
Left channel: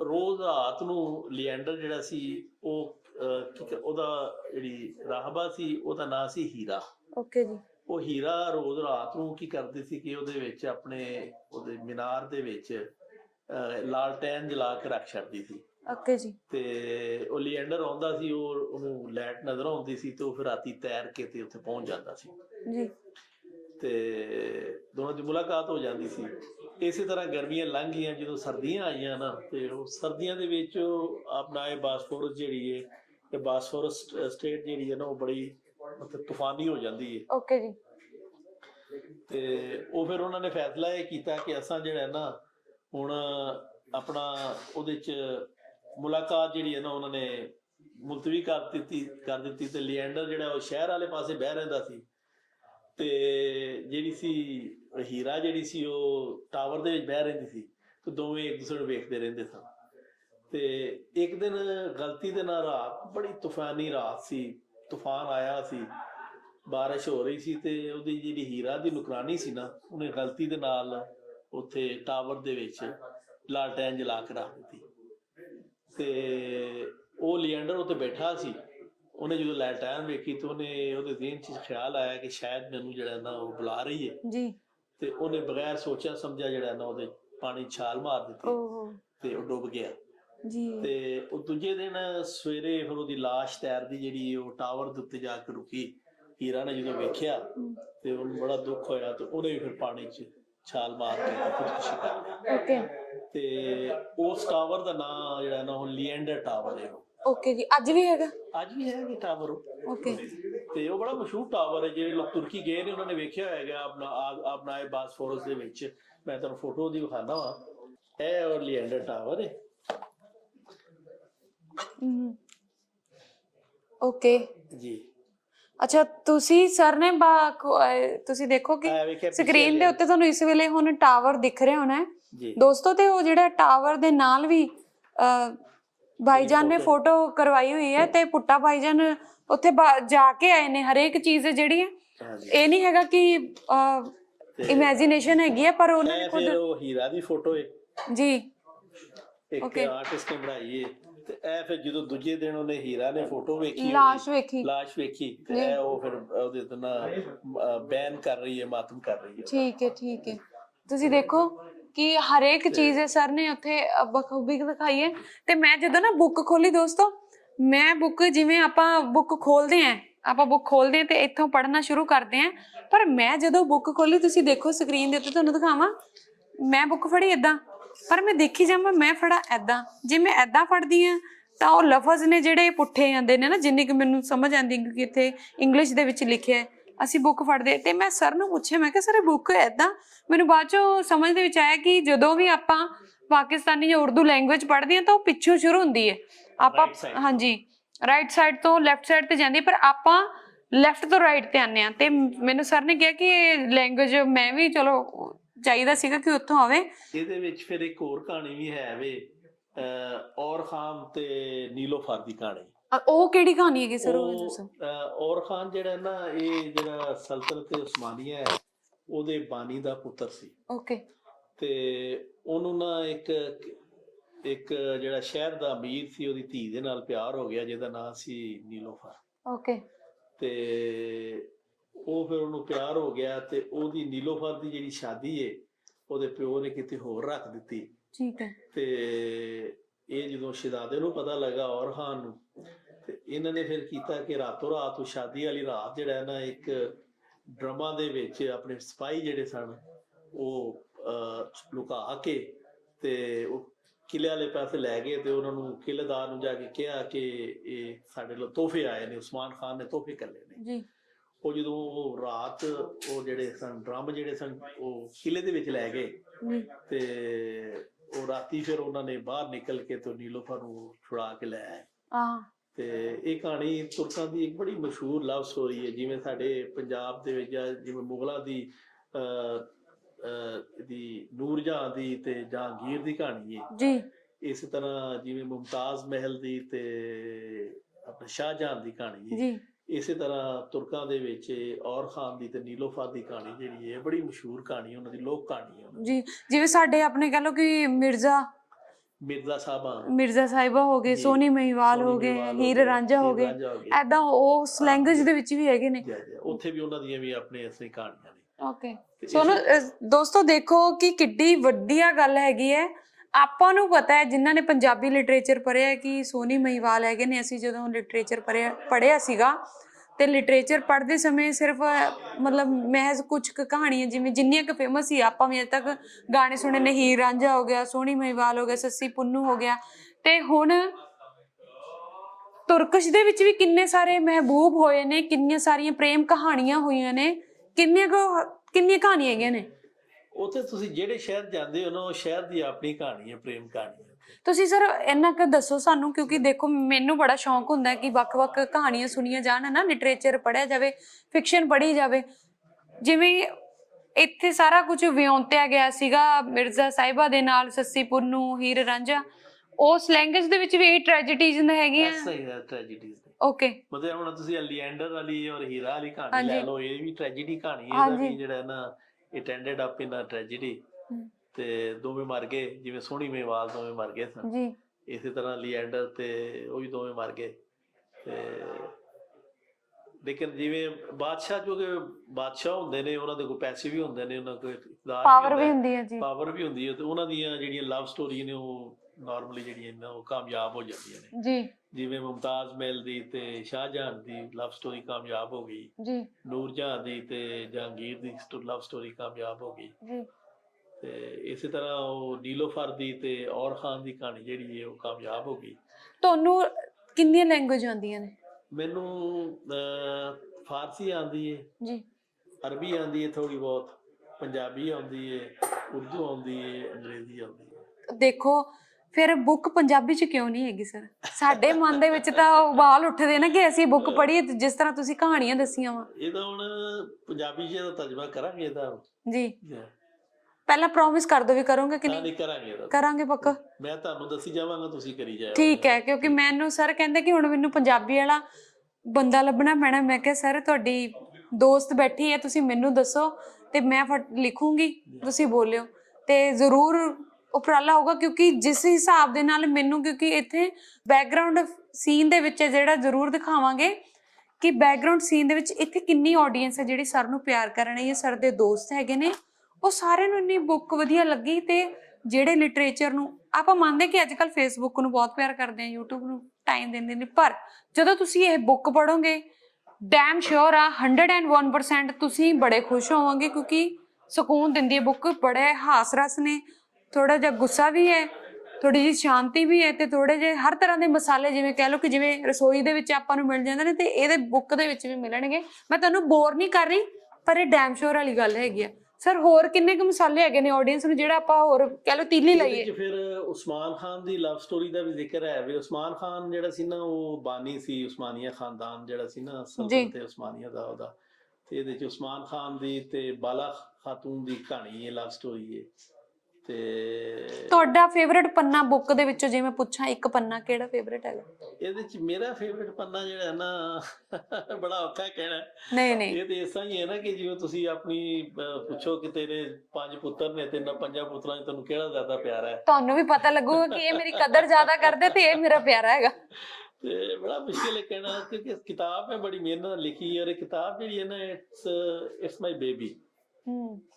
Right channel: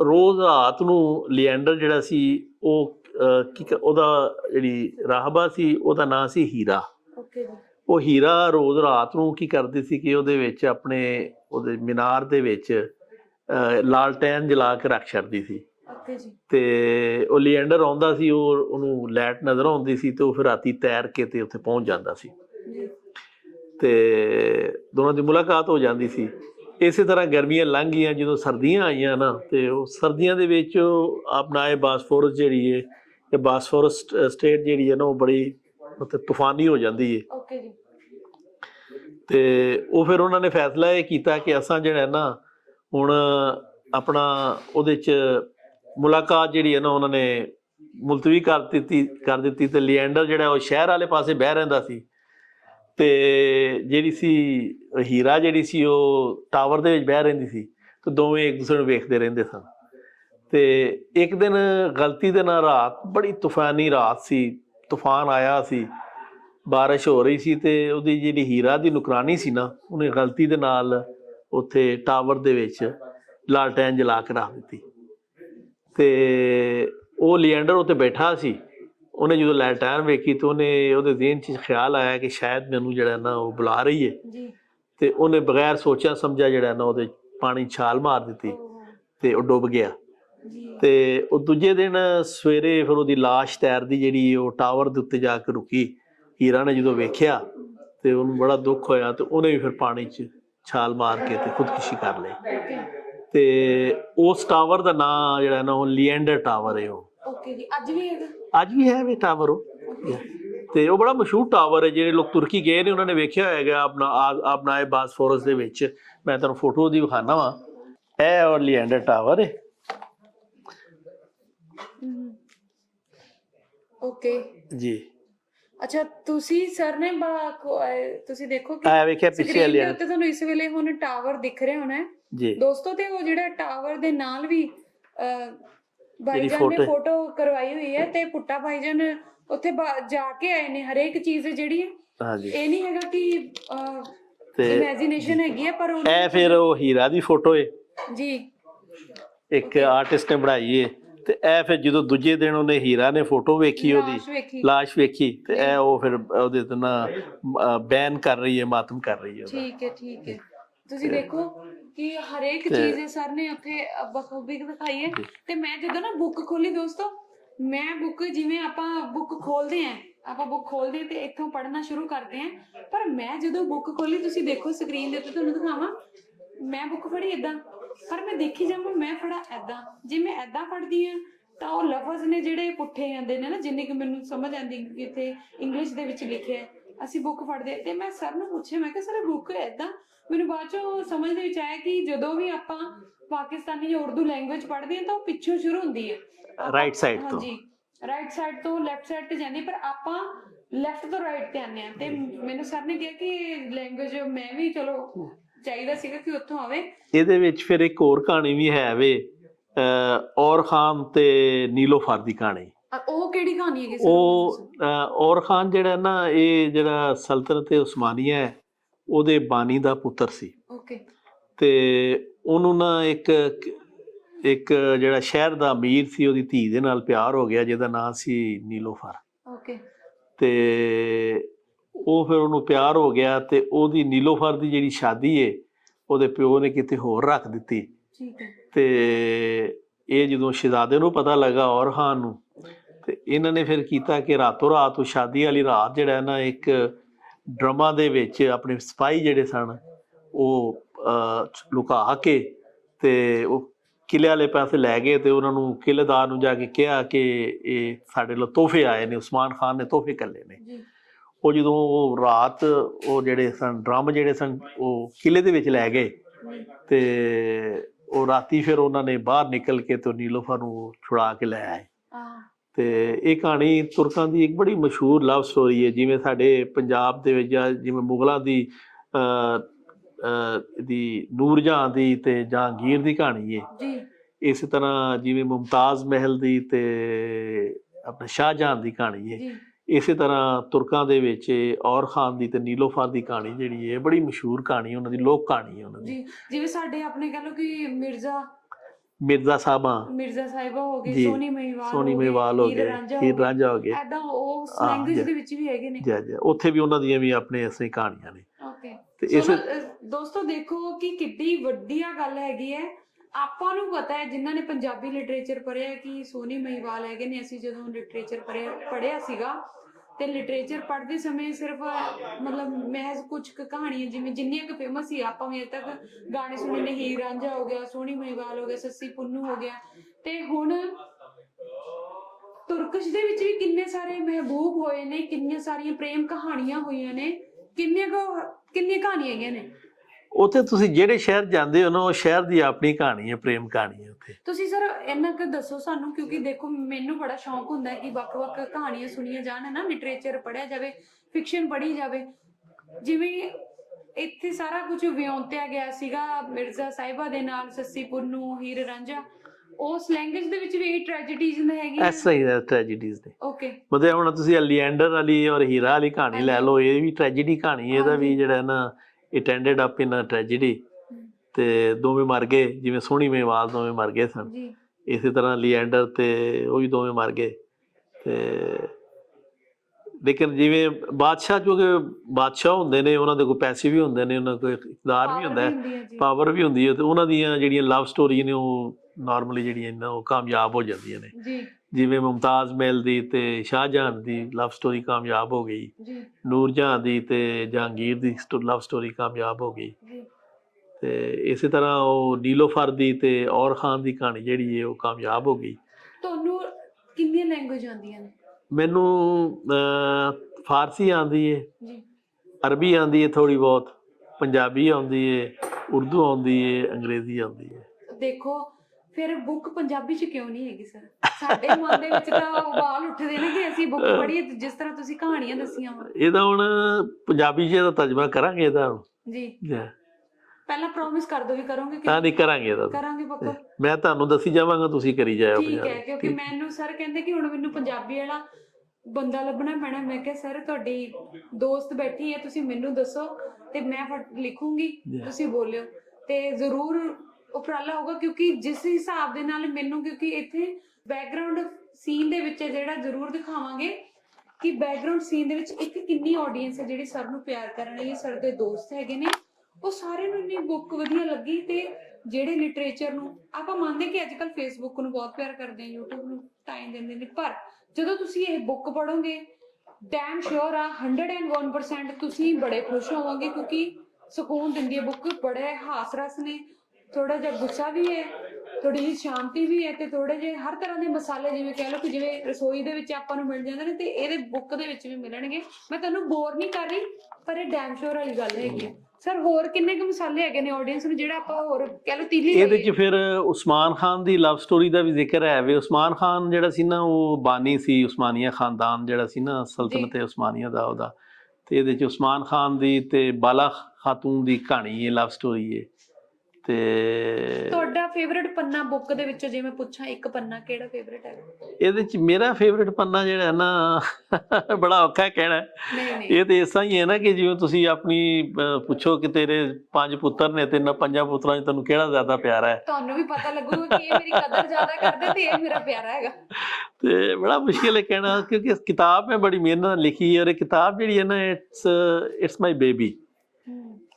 ਰੋਜ਼ ਰਾਤ ਨੂੰ ਲੀਐਂਡਰ ਜਿਹੜਾ ਸੀ ਉਹ ਉਹਦਾ ਜਿਹੜੀ ਰਾਹਬਾ ਸੀ ਉਹਦਾ ਨਾਂ ਸੀ ਹੀਰਾ। ਓਕੇ ਜੀ। ਉਹ ਹੀਰਾ ਰੋਜ਼ ਰਾਤ ਨੂੰ ਕੀ ਕਰਦੀ ਸੀ ਕਿ ਉਹਦੇ ਵਿੱਚ ਆਪਣੇ ਉਹਦੇ ਮੀਨਾਰ ਦੇ ਵਿੱਚ ਲਾਲਟੈਨ ਜਲਾ ਕੇ ਰੱਖ ਛੱਡਦੀ ਸੀ। ਓਕੇ ਜੀ। ਤੇ ਉਹ ਲੀਐਂਡਰ ਆਉਂਦਾ ਸੀ ਉਹ ਉਹਨੂੰ ਲਾਈਟ ਨਜ਼ਰ ਆਉਂਦੀ ਸੀ ਤੇ ਉਹ ਫਿਰ ਰਾਤੀ ਤੈਰ ਕੇ ਤੇ ਉੱਥੇ ਪਹੁੰਚ ਜਾਂਦਾ ਸੀ। ਜੀ। ਤੇ ਦੋਨਾਂ ਦੀ ਮੁਲਾਕਾਤ ਹੋ ਜਾਂਦੀ ਸੀ। ਇਸੇ ਤਰ੍ਹਾਂ ਗਰਮੀਆਂ ਲੰਘ ਗਈਆਂ ਜਦੋਂ ਸਰਦੀਆਂ ਆਈਆਂ ਨਾ ਤੇ ਉਹ ਸਰਦੀਆਂ ਦੇ ਵਿੱਚ ਆਪਣਾ ਇਹ ਬਾਸਫੋਰਸ ਜਿਹੜੀ ਹੈ ਇਹ ਬਾਸਫੋਰਸ ਸਟੇਟ ਜਿਹੜੀ ਹੈ ਨਾ ਉਹ ਬੜੀ ਮਤਲਬ ਤੂਫਾਨੀ ਹੋ ਜਾਂਦੀ ਹੈ ਓਕੇ ਜੀ। ਤੇ ਉਹ ਫਿਰ ਉਹਨਾਂ ਨੇ ਫੈਸਲਾ ਇਹ ਕੀਤਾ ਕਿ ਅਸਾਂ ਜਿਹੜਾ ਨਾ ਹੁਣ ਆਪਣਾ ਉਹਦੇ ਚ ਮੁਲਾਕਾਤ ਜਿਹੜੀ ਹੈ ਨਾ ਉਹਨਾਂ ਨੇ ਮੁਲਤਵੀ ਕਰ ਦਿੱਤੀ ਕਰ ਦਿੱਤੀ ਤੇ ਲੀਐਂਡਰ ਜਿਹੜਾ ਉਹ ਸ਼ਹਿਰ ਵਾਲੇ ਪਾਸੇ ਬਹਿ ਰਹਿੰਦਾ ਸੀ। ਤੇ ਜਿਹੜੀ ਸੀ ਹੀਰਾ ਜਿਹੜੀ ਸੀ ਉਹ ਟਾਵਰ ਦੇ ਵਿੱਚ ਬਹਿ ਰਹਿੰਦੀ ਸੀ ਤੇ ਦੋਵੇਂ ਇੱਕ ਦੂਸਰੇ ਨੂੰ ਵੇਖਦੇ ਰਹਿੰਦੇ ਸਨ। ਤੇ ਇੱਕ ਦਿਨ ਗਲਤੀ ਦੇ ਨਾਲ ਰਾਤ ਬੜੀ ਤੂਫਾਨੀ ਰਾਤ ਸੀ, ਤੂਫਾਨ ਆਇਆ ਸੀ, ਬਾਰਿਸ਼ ਹੋ ਰਹੀ ਸੀ ਤੇ ਉਹਦੀ ਜਿਹੜੀ ਹੀਰਾ ਦੀ ਨੁਕਰਾਨੀ ਸੀ ਨਾ, ਉਹਨੇ ਗਲਤੀ ਦੇ ਨਾਲ ਉੱਥੇ ਟਾਵਰ ਦੇ ਵਿੱਚ ਲਾਲਟੈਨ ਜਲਾ ਕੇ ਰੱਖ ਦਿੱਤੀ। ਤੇ ਉਹ ਲੀਐਂਡਰ ਉੱਤੇ ਬੈਠਾ ਸੀ। ਉਹਨੇ ਜਦੋਂ ਲਾਲਟੈਨ ਵੇਖੀ ਤੇ ਉਹਨੇ ਉਹਦੇ ਜ਼ਿਹਨ 'ਚ ਖਿਆਲ ਆਇਆ ਕਿ ਸ਼ਾਇਦ ਮੈਨੂੰ ਜਿਹੜਾ ਨਾ ਉਹ ਬੁਲਾ ਰਹੀ ਹੈ ਜੀ। ਤੇ ਉਹਨੇ ਬਗੈਰ ਸੋਚਿਆ ਸਮਝਿਆ ਜਿਹੜਾ ਨਾ ਉਹਦੇ ਪਾਣੀ ਛਾਲ ਮਾਰ ਦਿੱਤੀ ਤੇ ਉਹ ਡੁੱਬ ਗਿਆ। ਜੀ। ਤੇ ਉਹ ਦੂਜੇ ਦਿਨ ਸਵੇਰੇ ਫਿਰ ਉਹਦੀ ਲਾਸ਼ ਤੈਰਦੀ ਜਿਹੜੀ ਉਹ ਟਾਵਰ ਦੇ ਉੱਤੇ ਜਾ ਕੇ ਰੁਕੀ। ਹੀਰਾ ਨੇ ਜਦੋਂ ਵੇਖਿਆ ਤੇ ਉਹਨੂੰ ਬੜਾ ਦੁੱਖ ਹੋਇਆ ਤੇ ਉਹਨੇ ਵੀ ਫਿਰ ਪਾਣੀ 'ਚ ਛਾਲ ਮਾਰ ਕੇ ਤੇ ਖੁਦਕੁਸ਼ੀ ਕਰ ਲਈ। ਤੇ ਉਸ ਟਾਵਰ ਦਾ ਨਾਂ ਜਿਹੜਾ ਨਾ ਉਹ ਲੀਐਂਡਰ ਟਾਵਰ ਹੈ ਉਹ। ਓਕੇ ਜੀ ਅੱਜ ਵੀ ਹੈਗਾ? ਅੱਜ ਵੀ ਹੈ ਵੀ ਟਾਵਰ ਉਹ। ਓਕੇ। ਤੇ ਉਹ ਬੜਾ ਮਸ਼ਹੂਰ ਟਾਵਰ ਹੈ ਜਿਹੜੇ ਲੋਕ ਤੁਰਕੀ ਗਏ ਨੇ ਉਹਨਾਂ ਨੇ ਵੇਖਿਆ ਹੋਏਗਾ ਆਪਣਾ ਆਪਣਾ ਇਹ ਬਾਸਫੋਰਸ ਦੇ ਵਿੱਚ। ਮੈਂ ਤੁਹਾਨੂੰ ਫੋਟੋ ਦੀ ਵਿਖਾਣਾ ਵਾ। ਇਹ ਉਹ ਲੀਐਂਡਰ ਟਾਵਰ ਹੈ। ਓਕੇ। ਜੀ। ਅੱਛਾ ਤੁਸੀਂ ਸਰ ਨੇ ਬਾ- ਤੁਸੀਂ ਦੇਖੋ ਕਿ ਆ ਵੇਖਿਆ ਪਿੱਛੇ ਸਕਰੀਨ ਦੇ ਲਿਆ ਉੱਤੇ ਤੁਹਾਨੂੰ ਇਸ ਵੇਲੇ ਹੁਣ ਟਾਵਰ ਦਿਖ ਰਿਹਾ ਹੋਣਾ ਹੈ। ਜੀ। ਦੋਸਤੋ ਤੇ ਉਹ ਜਿਹੜਾ ਟਾਵਰ ਦੇ ਨਾਲ ਵੀ ਅਹ, ਭਾਈਜਾਨ ਨੇ photo। ਫੋਟੋ ਕਰਵਾਈ ਹੋਈ ਹੈ ਤੇ ਪੁੱਟਾ ਭਾਈਜਾਨ ਉੱਥੇ ਬਾ- ਜਾ ਕੇ ਆਏ ਨੇ। ਹਰੇਕ ਚੀਜ਼ ਜਿਹੜੀ ਹੈ ਹਾਂਜੀ ਇਹ ਨਹੀਂ ਹੈਗਾ ਕਿ ਤੇ ਇਮੇਜਿਨੇਸ਼ਨ ਹੈਗੀ ਹੈ ਪਰ ਉਹ ਇਹ ਫਿਰ ਉਹ ਹੀਰਾ ਦੀ ਫੋਟੋ ਹੈ ਜੀ। ਇੱਕ. ਆਰਟਿਸਟ ਨੇ ਬਣਾਈ ਹੈ ਤੇ ਇਹ ਫਿਰ ਜਦੋਂ ਦੂਜੇ ਦਿਨ ਉਹਨੇ ਹੀਰਾ ਨੇ ਫੋਟੋ ਵੇਖੀ ਉਹਦੀ ਲਾਸ਼ ਵੇਖੀ ਤੇ। ਇਹ ਉਹ ਫਿਰ ਉਹਦੇ ਤੇ ਨਾ ਬੈਨ ਕਰ ਰਹੀ ਹੈ ਮਾਤਮ ਕਰ ਰਹੀ ਹੈ। ਠੀਕ ਹੈ ਠੀਕ ਹੈ ਤੁਸੀਂ ਦੇਖੋ ਕਿ ਹਰੇਕ ਚੀਜ਼ ਸਰ ਨੇ ਉੱਥੇ ਬਖੂਬੀ ਦਿਖਾਈ ਹੈ। ਤੇ ਮੈਂ ਜਦੋਂ ਨਾ ਬੁੱਕ ਖੋਲੀ ਦੋਸਤੋ ਮੈਂ ਬੁੱਕ ਜਿਵੇਂ ਆਪਾਂ ਬੁੱਕ ਖੋਲਦੇ ਆਂ ਆਪਾਂ ਬੁੱਕ ਖੋਲਦੇ ਆਂ ਤੇ ਇੱਥੋਂ ਪੜ੍ਹਨਾ ਸ਼ੁਰੂ ਕਰਦੇ ਆਂ ਪਰ ਮੈਂ ਜਦੋਂ ਬੁੱਕ ਖੋਲੀ ਤੁਸੀਂ ਦੇਖੋ ਸਕਰੀਨ ਦੇ ਉੱਤੇ ਤੁਹਾਨੂੰ ਦਿਖਾਵਾਂ ਮੈਂ ਬੁੱਕ ਫੜੀ ਇਦਾਂ ਪਰ ਮੈਂ ਦੇਖੀ ਜਾਵਾਂ ਮੈਂ ਫੜਾ ਐਦਾਂ ਜੇ ਮੈਂ ਐਦਾਂ ਫੜਦੀ ਆਂ ਤਾਂ ਉਹ ਲਫ਼ਜ਼ ਨੇ ਜਿਹੜੇ ਪੁੱਠੇ ਆਂਦੇ ਨੇ ਨਾ ਜਿੰਨੀ ਕਿ ਮੈਨੂੰ ਸਮਝ ਆਂਦੀ ਕਿਉਂਕਿ ਇੱਥੇ ਇੰਗਲਿਸ਼ ਦੇ ਵਿੱਚ ਲਿਖਿਆ ਹੈ ਅਸੀਂ ਬੁੱਕ ਫੜਦੇ ਤੇ ਮੈਂ ਸਰ ਨੂੰ ਪੁੱਛਿਆ ਮੈਂ ਕਿਹਾ ਸਰ ਇਹ ਬੁੱਕ ਐਦਾਂ ਮੈਨੂੰ ਬਾਅਦ ਚੋਂ ਸਮਝ ਦੇ ਵਿੱਚ ਆਇਆ ਕਿ ਜਦੋਂ ਵੀ ਆਪਾਂ ਪਾਕਿਸਤਾਨੀ ਜਾਂ ਉਰਦੂ ਲੈਂਗੁਏਜ ਪੜ੍ਹਦੇ ਹਾਂ ਤਾਂ ਉਹ ਪਿੱਛੋਂ ਸ਼ੁਰੂ ਹੁੰਦੀ ਹੈ। ਤੋਂ। ਹਾਂਜੀ। ਰਾਈਟ ਸਾਈਡ ਤੋਂ ਲੈਫਟ ਸਾਈਡ ਤੇ ਜਾਂਦੀ ਪਰ ਆਪਾਂ ਲੈਫਟ ਤੋਂ ਰਾਈਟ ਤੇ ਆਨੇ ਆ ਤੇ ਮੈਨੂੰ ਸਰ ਨੇ ਕਿਹਾ ਕਿ ਲੈਂਗੁਏਜ ਮੈਂ ਵੀ ਚਲੋ ਚਾਹੀਦਾ ਸੀਗਾ ਕਿ ਉੱਥੋਂ ਆਵੇ। ਇਹਦੇ ਵਿੱਚ ਫਿਰ ਇੱਕ ਹੋਰ ਕਹਾਣੀ ਵੀ ਹੈ ਵੇ ਔਰ ਖਾਨ ਤੇ ਨੀਲੋਫਰ ਦੀ ਕਹਾਣੀ। ਉਹ ਕਿਹੜੀ ਕਹਾਣੀ ਹੈਗੀ ਸਰ ਉਹ ਔਰ ਖਾਨ ਜਿਹੜਾ ਨਾ ਇਹ ਜਿਹੜਾ ਸਲਤਨਤ ਉਸਮਾਨੀਆ ਹੈ ਉਹਦੇ ਬਾਨੀ ਦਾ ਪੁੱਤਰ ਸੀ। ਓਕੇ। ਤੇ ਉਹਨੂੰ ਨਾ ਇੱਕ ਇੱਕ ਜਿਹੜਾ ਸ਼ਹਿਰ ਦਾ ਅਮੀਰ ਸੀ ਉਹਦੀ ਧੀ ਦੇ ਨਾਲ ਪਿਆਰ ਹੋ ਗਿਆ ਜਿਹਦਾ ਨਾਂ ਸੀ ਨੀਲੋਫਰ ਓਕੇ। ਤੇ ਉਹ ਫਿਰ ਉਹਨੂੰ ਪਿਆਰ ਹੋ ਗਿਆ ਤੇ ਉਹਦੀ ਨੀਲੋਫਰ ਦੀ ਜਿਹੜੀ ਸ਼ਾਦੀ ਏ ਉਹਦੇ ਪਿਓ ਨੇ ਕਿਤੇ ਹੋਰ ਰੱਖ ਦਿੱਤੀ। ਠੀਕ ਹੈ। ਤੇ ਇਹ ਜਦੋਂ ਸ਼ਹਿਜ਼ਾਦੇ ਨੂੰ ਪਤਾ ਲੱਗਾ ਔਰ ਖਾਨ ਨੂੰ ਤੇ ਇਹਨਾਂ ਨੇ ਫਿਰ ਕੀਤਾ ਕਿ ਰਾਤੋਂ ਰਾਤ ਉਹ ਸ਼ਾਦੀ ਵਾਲੀ ਰਾਤ ਜਿਹੜਾ ਨਾ ਇੱਕ ਡਰਾਮਾ ਦੇ ਵਿੱਚ ਆਪਣੇ ਸਿਪਾਹੀ ਜਿਹੜੇ ਸਨ ਉਹ ਲੁਕਾ ਕੇ ਤੇ ਉਹ ਕਿਲੇ ਵਾਲੇ ਪਾਸੇ ਲੈ ਗਏ ਤੇ ਉਹਨਾਂ ਨੂੰ ਕਿਲੇਦਾਰ ਨੂੰ ਜਾ ਕੇ ਕਿਹਾ ਕਿ ਇਹ ਸਾਡੇ ਲਈ ਤੋਹਫੇ ਆਏ ਨੇ ਉਸਮਾਨ ਖਾਨ ਨੇ ਤੋਹਫੇ ਕੱਲੇ ਨੇ। ਜੀ। ਉਹ ਜਦੋਂ ਉਹ ਰਾਤ ਉਹ ਜਿਹੜੇ ਸਨ ਡਰਮ ਜਿਹੜੇ ਸਨ ਉਹ ਕਿਲੇ ਦੇ ਵਿੱਚ ਲੈ ਗਏ। ਤੇ ਉਹ ਰਾਤੀ ਫਿਰ ਉਹਨਾਂ ਨੇ ਬਾਹਰ ਨਿਕਲ ਕੇ ਤੇ ਨੀਲੋਫਰ ਨੂੰ ਛੁੜਾ ਕੇ ਲੈ ਆਏ। ਤੇ ਇਹ ਕਹਾਣੀ ਤੁਰਕਾਂ ਦੀ ਇੱਕ ਬੜੀ ਮਸ਼ਹੂਰ ਲਵ ਸਟੋਰੀ ਹੈ। ਜਿਵੇਂ ਸਾਡੇ ਪੰਜਾਬ ਦੇ ਵਿੱਚ ਜਾਂ ਜਿਵੇਂ ਮੁਗਲਾਂ ਦੀ ਅ ਦੀ ਨੂਰਜਹਾਂ ਦੀ ਤੇ ਜਹਾਂਗੀਰ ਦੀ ਕਹਾਣੀ ਹੈ। ਜੀ। ਇਸੇ ਤਰ੍ਹਾਂ ਜਿਵੇਂ ਮੁਮਤਾਜ਼ ਮਹਿਲ ਦੀ ਤੇ ਆਪਣੇ ਸ਼ਾਹਜਹਾਂ ਦੀ ਕਹਾਣੀ ਹੈ। ਜੀ। ਇਸੇ ਤਰ੍ਹਾਂ ਤੁਰਕਾਂ ਦੇ ਵਿੱਚ ਔਰ ਖਾਨ ਦੀ ਤੇ ਨੀਲੋਫਰ ਦੀ ਕਹਾਣੀ ਜਿਹੜੀ ਹੈ ਬੜੀ ਮਸ਼ਹੂਰ ਕਹਾਣੀ ਉਹਨਾਂ ਦੀ ਲੋਕ ਕਹਾਣੀ ਹੈ ਉਹਨਾਂ ਦੀ। ਜੀ ਜਿਵੇਂ ਸਾਡੇ ਆਪਣੇ ਕਹ ਲਓ ਕਿ ਮਿਰਜ਼ਾ ਮਿਰਜ਼ਾ ਸਾਹਿਬਾਂ। ਮਿਰਜ਼ਾ ਸਾਹਿਬਾ ਹੋ ਗਏ ਸੋਨੀ ਮਹੀਵਾਲ ਹੋ ਗਏ ਹੀਰ ਰਾਂਝਾ ਹੋ ਗਏ ਰਾਂਝਾ ਹੋ ਗਏ। ਐਦਾਂ ਉਸ ਹਾਂ, ਲੈਂਗੁਏਜ ਜੀ। ਦੇ ਵਿੱਚ ਵੀ ਹੈਗੇ ਨੇ। ਜੀ ਜੀ ਉੱਥੇ ਵੀ ਉਹਨਾਂ ਦੀਆਂ ਵੀ ਆਪਣੇ ਅਸਲੀ ਕਹਾਣੀਆਂ ਨੇ। ਓਕੇ ਸੋ ਦੋਸਤੋ ਦੇਖੋ ਕਿ ਕਿੱਡੀ ਵੱਡੀਆ ਗੱਲ ਹੈਗੀ ਹੈ। ਆਪਾਂ ਨੂੰ ਪਤਾ ਹੈ, ਜਿਨ੍ਹਾਂ ਨੇ ਪੰਜਾਬੀ ਲਿਟਰੇਚਰ ਪੜ੍ਹਿਆ ਕਿ ਸੋਨੀ ਮਹੀਵਾਲ ਹੈਗੇ ਨੇ, ਅਸੀਂ ਜਦੋਂ ਲਿਟਰੇਚਰ ਪੜ੍ਹਿਆ ਪੜ੍ਹਿਆ ਸੀਗਾ, ਤੇ ਲਿਟਰੇਚਰ ਪੜ੍ਹਦੇ ਸਮੇਂ ਸਿਰਫ, ਮਤਲਬ ਮਹਿਜ਼ ਕੁਝ ਕੁ ਕਹਾਣੀਆਂ, ਜਿਵੇਂ ਜਿੰਨੀਆਂ ਕੁ ਫੇਮਸ ਸੀ, ਆਪਾਂ ਵੀ ਅਜੇ ਤੱਕ ਗਾਣੇ ਸੁਣੇ ਨੇ, ਹੀਰ ਰਾਂਝਾ ਹੋ ਗਿਆ, ਸੋਨੀ ਮਹੀਵਾਲ ਹੋ ਗਿਆ, ਸੱਸੀ ਪੁੰਨੂ ਹੋ ਗਿਆ, ਤੇ ਹੁਣ ਤੁਰਕਸ਼ ਦੇ ਵਿੱਚ ਵੀ ਕਿੰਨੇ ਸਾਰੇ ਮਹਿਬੂਬ ਹੋਏ ਨੇ, ਕਿੰਨੀਆਂ ਸਾਰੀਆਂ ਪ੍ਰੇਮ ਕਹਾਣੀਆਂ ਹੋਈਆਂ ਨੇ ਕਿੰਨੀਆਂ ਕੁ, ਕਿੰਨੀਆਂ ਕਹਾਣੀਆਂ ਹੈਗੀਆਂ ਨੇ? ਉੱਥੇ ਤੁਸੀਂ ਜਿਹੜੇ ਸ਼ਹਿਰ ਜਾਂਦੇ ਹੋ ਨਾ ਉਹ ਸ਼ਹਿਰ ਦੀ ਆਪਣੀ ਕਹਾਣੀ ਹੈ ਪ੍ਰੇਮ ਕਹਾਣੀ ਹੈ ਉੱਥੇ। ਤੁਸੀਂ ਸਰ ਇੰਨਾ ਕੁ ਦੱਸੋ ਸਾਨੂੰ ਕਿਉਂਕਿ ਦੇਖੋ ਮੈਨੂੰ ਬੜਾ ਸ਼ੌਂਕ ਹੁੰਦਾ ਹੈ ਕਿ ਵੱਖ-ਵੱਖ ਕਹਾਣੀਆਂ ਸੁਣੀਆਂ ਜਾਣ ਨਾ? ਲਿਟਰੇਚਰ ਪੜ੍ਹਿਆ ਜਾਵੇ ਫਿਕਸ਼ਨ ਪੜ੍ਹੀ ਜਾਵੇ। ਜਿਵੇਂ ਇੱਥੇ ਸਾਰਾ ਕੁਝ ਵਿਉਂਤਿਆ ਗਿਆ ਸੀਗਾ ਮਿਰਜ਼ਾ ਸਾਹਿਬਾ ਦੇ ਨਾਲ ਸੱਸੀ ਪੁੰਨੂ ਹੀਰ ਰਾਂਝਾ। ਉਸ ਲੈਂਗੁਏਜ ਦੇ ਵਿੱਚ ਵੀ ਇਹ ਟ੍ਰੈਜੇਡੀਜ਼ ਨੇ ਹੈਗੀਆਂ? ਐਸਾ ਹੀ ਹੈ ਟ੍ਰੈਜੇਡੀਜ਼ ਨੇ ਓਕੇ ਮਤਲਬ ਹੁਣ ਤੁਸੀਂ ਲੀਐਂਡਰ ਵਾਲੀ ਔਰ ਹੀਰਾ ਵਾਲੀ ਕਹਾਣੀ ਲੈ। ਲਓ ਇਹ ਵੀ ਟ੍ਰੈਜੇਡੀ ਕਹਾਣੀ ਹੈ ਇਹਦਾ। ਵੀ ਜਿਹੜਾ ਨਾ it ended up in a tragedy ਤੇ ਦੋਵੇਂ ਮਰ ਗਏ ਜਿਵੇਂ ਸੋਹਣੀ ਮੇਵਾਲ ਦੋਵੇਂ ਮਰ ਗਏ ਸਨ। ਜੀ। ਇਸੇ ਤਰ੍ਹਾਂ ਲੀਐਂਡਰ ਤੇ ਉਹ ਵੀ ਦੋਵੇਂ ਮਰ ਗਏ। ਤੇ ਲੇਕਿਨ ਜਿਵੇਂ ਬਾਦਸ਼ਾਹ ਕਿਉਂਕਿ ਬਾਦਸ਼ਾਹ ਹੁੰਦੇ ਨੇ ਉਹਨਾਂ ਦੇ ਕੋਲ ਪੈਸੇ ਵੀ ਹੁੰਦੇ ਨੇ ਉਹਨਾਂ ਕੋਲ ਇਕਤਦਾਰ ਵੀ ਹੁੰਦਾ ਹੈ। ਜੀ। ਪਾਵਰ ਵੀ ਹੁੰਦੀ ਹੈ ਤੇ ਉਹਨਾਂ ਦੀਆਂ ਜਿਹੜੀਆਂ ਲਵ ਸਟੋਰੀ ਨੇ ਉਹ ਨਾਰਮਲੀ ਜਿਹੜੀਆਂ ਨੇ ਉਹ ਕਾਮਯਾਬ ਹੋ ਜਾਂਦੀਆਂ ਨੇ। ਜੀ। ਜਿਵੇਂ ਮੁਮਤਾਜ਼ ਮਹਿਲ ਦੀ ਤੇ ਸ਼ਾਹਜਹਾਨ ਦੀ ਲਵ ਸਟੋਰੀ ਕਾਮਯਾਬ ਹੋ ਗਈ। ਜੀ। ਨੂਰਜਹਾਂ ਦੀ ਤੇ ਜਹਾਂਗੀਰ ਦੀ ਲਵ ਸਟੋਰੀ ਕਾਮਯਾਬ ਹੋ ਗਈ। ਜੀ। ਤੇ ਇਸੇ ਤਰ੍ਹਾਂ ਉਹ ਨੀਲੋਫਰ ਦੀ ਤੇ ਔਰ ਖਾਨ ਦੀ ਕਹਾਣੀ ਜਿਹੜੀ ਹੈ ਉਹ ਕਾਮਯਾਬ ਹੋ ਗਈ। ਤੁਹਾਨੂੰ ਕਿੰਨੀਆਂ ਲੈਂਗੁਏਜ ਆਉਂਦੀਆਂ ਨੇ? ਮੈਨੂੰ ਫਾਰਸੀ ਆਉਂਦੀ ਹੈ ਜੀ। ਅਰਬੀ ਆਉਂਦੀ ਹੈ ਥੋੜੀ ਬਹੁਤ। ਪੰਜਾਬੀ ਆਉਂਦੀ ਹੈ ਉਰਦੂ ਆਉਂਦੀ ਹੈ ਅੰਗਰੇਜ਼ੀ ਆਉਂਦੀ ਹੈ ਦੇਖੋ ਫਿਰ ਬੁੱਕ ਪੰਜਾਬੀ ਚ ਕਿਉਂ ਨਹੀਂ ਹੈਗੀ ਸਰ ਸਾਡੇ ਮਨ ਦੇ ਵਿੱਚ ਤਾਂ ਉਬਾਲ ਉੱਠਦੇ ਨਾ ਕਿ ਅਸੀਂ ਬੁੱਕ ਪੜ੍ਹੀਏ ਤੇ ਜਿਸ ਤਰ੍ਹਾਂ ਤੁਸੀਂ ਕਹਾਣੀਆਂ ਦੱਸੀਆਂ ਵਾ ਇਹਦਾ ਹੁਣ ਪੰਜਾਬੀ 'ਚ ਇਹਦਾ ਤਰਜਮਾ ਕਰਾਂਗੇ ਇਹਦਾ। ਜੀ। ਪਹਿਲਾਂ ਪ੍ਰੋਮਿਸ ਕਰ ਦੋ ਵੀ ਕਰੋਗੇ ਕਿ ਤਾਂ ਨਹੀਂ ਕਰਾਂਗੇ ਇਹਦਾ ਕਰਾਂਗੇ ਪੱਕਾ ਮੈਂ ਤੁਹਾਨੂੰ ਦੱਸੀ ਜਾਵਾਂਗਾ ਤੁਸੀਂ ਕਰੀ ਜਾਇਓ ਠੀਕ ਹੈ। ਕਿਉਂਕਿ ਮੈਨੂੰ ਸਰ ਕਹਿੰਦੇ ਕਿ ਹੁਣ ਮੈਨੂੰ ਪੰਜਾਬੀ ਵਾਲਾ ਬੰਦਾ ਲੱਭਣਾ ਪੈਣਾ ਮੈਂ ਕਿਹਾ ਸਰ ਤੁਹਾਡੀ ਦੋਸਤ ਬੈਠੀ ਹੈ ਤੁਸੀਂ ਮੈਨੂੰ ਦੱਸੋ ਤੇ ਮੈਂ ਲਿਖੂੰਗੀ। ਤੁਸੀਂ ਬੋਲਿਓ ਤੇ ਜ਼ਰੂਰ ਉਪਰਾਲਾ ਹੋਗਾ ਕਿਉਂਕਿ ਜਿਸ ਹਿਸਾਬ ਦੇ ਨਾਲ ਮੈਨੂੰ, ਕਿਉਂਕਿ ਇੱਥੇ ਬੈਕਗ੍ਰਾਉਂਡ ਸੀਨ ਦੇ ਵਿੱਚ ਜਿਹੜਾ ਜ਼ਰੂਰ ਦਿਖਾਵਾਂਗੇ ਕਿ ਬੈਕਗ੍ਰਾਉਂਡ ਸੀਨ ਦੇ ਵਿੱਚ ਇੱਥੇ ਕਿੰਨੀ ਆਡੀਅנס ਹੈ ਜਿਹੜੀ ਸਰ ਨੂੰ ਪਿਆਰ ਕਰਨ ਰਹੀ ਹੈ ਸਰ ਦੇ ਦੋਸਤ ਹੈਗੇ ਨੇ। ਉਹ ਸਾਰਿਆਂ ਨੂੰ ਇੰਨੀ ਬੁੱਕ ਵਧੀਆ ਲੱਗੀ ਤੇ ਜਿਹੜੇ ਲਿਟਰੇਚਰ ਨੂੰ ਆਪਾਂ ਮੰਨਦੇ ਕਿ ਅੱਜ ਕੱਲ ਫੇਸਬੁੱਕ ਨੂੰ ਬਹੁਤ ਪਿਆਰ ਕਰਦੇ ਆ YouTube ਨੂੰ ਟਾਈਮ ਦਿੰਦੇ ਨੇ, ਪਰ ਜਦੋਂ ਤੁਸੀਂ ਇਹ ਬੁੱਕ ਪੜੋਗੇ ਡੈਮ ਸ਼ੋਰ ਆ 101% ਤੁਸੀਂ ਬੜੇ ਖੁਸ਼ ਹੋਵੋਗੇ, ਕਿਉਂਕਿ ਸਕੂਨ ਦਿੰਦੀ ਹੈ ਬੁੱਕ ਬੜੇ ਹਾਸ ਰਸ ਨੇ। ਥੋੜਾ ਜਿਹਾ ਗੁੱਸਾ ਵੀ ਹੈ ਥੋੜੀ ਜਿਹੀ ਸ਼ਾਂਤੀ ਵੀ ਹੈ ਤੇ ਥੋੜੇ ਜਿਹੇ ਹਰ ਤਰ੍ਹਾਂ ਦੇ ਮਸਾਲੇ ਜਿਵੇਂ ਕਹਿ ਲਓ ਕਿ ਜਿਵੇਂ ਰਸੋਈ ਦੇ ਵਿੱਚ ਆਪਾਂ ਨੂੰ ਮਿਲ ਜਾਂਦੇ ਨੇ ਤੇ ਇਹਦੇ ਬੁੱਕ ਦੇ ਵਿੱਚ ਵੀ ਮਿਲਣਗੇ। ਮੈਂ ਤੁਹਾਨੂੰ ਬੋਰ ਨਹੀਂ ਕਰ ਰਹੀ ਪਰ ਇਹ ਡੈਮ ਸ਼ੋਰ ਵਾਲੀ ਗੱਲ ਹੈਗੀ ਆ। ਸਰ ਹੋਰ ਕਿੰਨੇ ਕੁ ਮਸਾਲੇ ਹੈਗੇ ਨੇ ਆਡੀਅנס ਨੂੰ ਜਿਹੜਾ ਆਪਾਂ ਹੋਰ ਕਹਿ ਲਓ ਤੀਲੀ ਇਹਦੇ ਲਈਏ? ਚ ਫਿਰ ਉਸਮਾਨ ਖਾਨ ਦੀ ਲਵ ਸਟੋਰੀ ਦਾ ਵੀ ਜ਼ਿਕਰ ਹੈ ਵੀ ਉਸਮਾਨ ਖਾਨ ਜਿਹੜਾ ਸੀ ਨਾ ਉਹ ਬਾਨੀ ਸੀ ਉਸਮਾਨੀਆ ਖਾਨਦਾਨ ਜਿਹੜਾ ਸੀ ਨਾ ਸਲਤਨਤ ਉਸਮਾਨੀਆ ਦਾ ਉਹਦਾ। ਤੇ ਇਹਦੇ ਚ ਉਸਮਾਨ ਖਾਨ ਦੀ ਤੇ ਬਾਲਾ ਖਾਤੂਨ ਦੀ ਕਹਾਣੀ ਹੈ ਲਵ ਸਟੋਰੀ ਹੈ ਤੇ ਤੁਹਾਡਾ ਫੇਵਰਿਟ ਪੰਨਾ ਬੁੱਕ ਦੇ ਵਿੱਚੋਂ ਜੇ ਮੈਂ ਪੁੱਛਾਂ ਇੱਕ ਪੰਨਾ ਕਿਹੜਾ ਫੇਵਰਿਟ ਹੈਗਾ? ਇਹਦੇ ਚ ਮੇਰਾ ਫੇਵਰਿਟ ਪੰਨਾ ਜਿਹੜਾ ਨਾ ਬੜਾ ਔਖਾ ਹੈ ਕਹਿਣਾ। ਨਹੀਂ ਨਹੀਂ। ਇਹ ਤੇ ਇਸਾਂ ਹੀ ਹੈ ਨਾ ਕਿ ਜਿਵੇਂ ਤੁਸੀਂ ਆਪਣੀ ਪੁੱਛੋ ਕਿ ਤੇਰੇ ਪੰਜ ਪੁੱਤਰ ਨੇ ਤੇ ਨਾ ਪੰਜਾਂ ਪੁੱਤਰਾਂ 'ਚ ਤੈਨੂੰ ਕਿਹੜਾ ਜ਼ਿਆਦਾ ਪਿਆਰਾ ਹੈ? ਤੁਹਾਨੂੰ ਵੀ ਪਤਾ ਲੱਗੂਗਾ ਕਿ ਇਹ ਮੇਰੀ ਕਦਰ ਜ਼ਿਆਦਾ ਕਰਦੇ ਤੇ ਇਹ ਮੇਰਾ ਪਿਆਰਾ ਹੈਗਾ। ਤੇ ਬੜਾ ਮੁਸ਼ਕਿਲ ਹੈ ਕਹਿਣਾ ਕਿਉਂਕਿ ਇਸ ਕਿਤਾਬ ਮੈਂ ਬੜੀ ਮਿਹਨਤ ਨਾਲ ਲਿਖੀ ਹੈ ਔਰ ਇਹ ਕਿਤਾਬ ਜਿਹੜੀ ਹੈ ਨਾ ਇਟਸ ਇਟਸ ਮਾਈ ਬੇਬੀ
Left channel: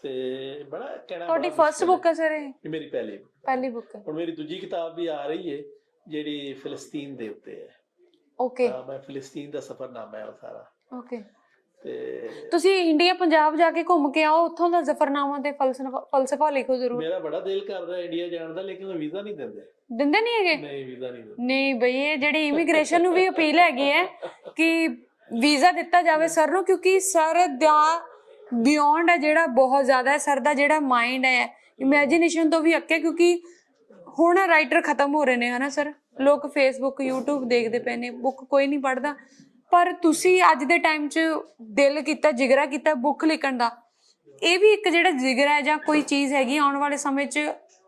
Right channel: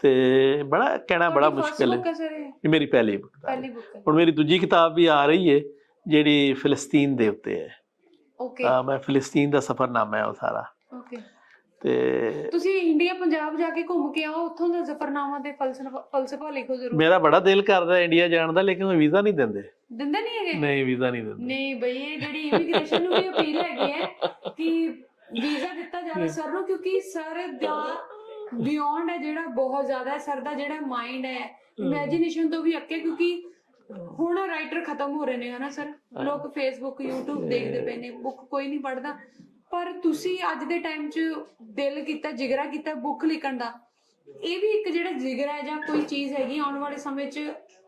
ਤੇ ਬੜਾ ਕਹਿਣਾ ਬੜਾ ਮੁਸ਼ਕਿਲ ਬੁੱਕ ਹੈ ਹੈ ਇਹ? ਮੇਰੀ ਪਹਿਲੀ ਹੈ। ਪਹਿਲੀ ਬੁੱਕ ਹੈ। ਹੁਣ ਮੇਰੀ ਦੂਜੀ ਕਿਤਾਬ ਵੀ ਆ ਰਹੀ ਹੈ ਜਿਹੜੀ ਫਿਲਸਤੀਨ ਦੇ ਉੱਤੇ ਹੈ। ਓਕੇ ਤਾਂ ਮੈਂ ਫਿਲਸਤੀਨ ਦਾ ਸਫ਼ਰਨਾਮਾ ਹੈ ਉਹ ਸਾਰਾ। ਓਕੇ ਤੇ ਤੁਸੀਂ ਇੰਡੀਆ ਪੰਜਾਬ ਜਾ ਕੇ ਘੁੰਮ ਕੇ ਆਓ ਉੱਥੋਂ ਦਾ ਜ਼ਫਰਨਾਮਾ ਤੇ ਫਲਸਫਾ ਫਲਸਫਾ ਲਿਖੋ ਜ਼ਰੂਰ। ਮੇਰਾ ਬੜਾ ਦਿਲ ਕਰਦਾ ਇੰਡੀਆ ਜਾਣ ਦਾ ਲੇਕਿਨ ਉਹ ਵੀਜ਼ਾ ਨਹੀਂ ਦਿੰਦੇ। ਦਿੰਦੇ ਨਹੀਂ ਹੈਗੇ? ਨਹੀਂ ਵੀਜ਼ਾ ਨਹੀਂ ਦਿੰਦੇ। ਨਹੀਂ ਬਈ ਇਹ ਜਿਹੜੀ ਇਮੀਗ੍ਰੇਸ਼ਨ ਨੂੰ ਵੀ ਅਪੀਲ ਹੈਗੀ ਹੈ ਕਿ ਵੀਜ਼ਾ ਦਿੱਤਾ ਜਾਵੇ ਸਰ ਨੂੰ ਕਿਉਂਕਿ ਸਰ ਦਾ ਬਿਯੋਂਡ ਹੈ ਜਿਹੜਾ ਬਹੁਤ ਜ਼ਿਆਦਾ ਹੈ ਸਰ ਦਾ ਜਿਹੜਾ ਮਾਈਂਡ ਹੈ ਇਮੇਜਿਨੇਸ਼ਨ ਤੋਂ ਵੀ ਅੱਕੇ ਕਿਉਂਕਿ ਹੁਣ ਰਾਈਟਰ ਖਤਮ ਹੋ ਰਹੇ ਨੇ ਹਨਾ ਸਰ? ਲੋਕ ਫੇਸਬੁੱਕ YouTube ਦੇਖਦੇ ਪਏ ਨੇ ਬੁੱਕ ਕੋਈ ਨਹੀਂ ਪੜ੍ਹਦਾ। ਪਰ ਤੁਸੀਂ ਅੱਜ ਦੇ ਟਾਈਮ 'ਚ ਦਿਲ ਕੀਤਾ ਜਿਗਰਾ ਕੀਤਾ ਬੁੱਕ ਲਿਖਣ ਦਾ? ਇਹ ਵੀ ਇੱਕ ਜਿਹੜਾ ਜਿਗਰਾ ਹੈ ਜਾਂ ਕੋਈ ਚੀਜ਼ ਹੈਗੀ ਆਉਣ ਵਾਲੇ ਸਮੇਂ 'ਚ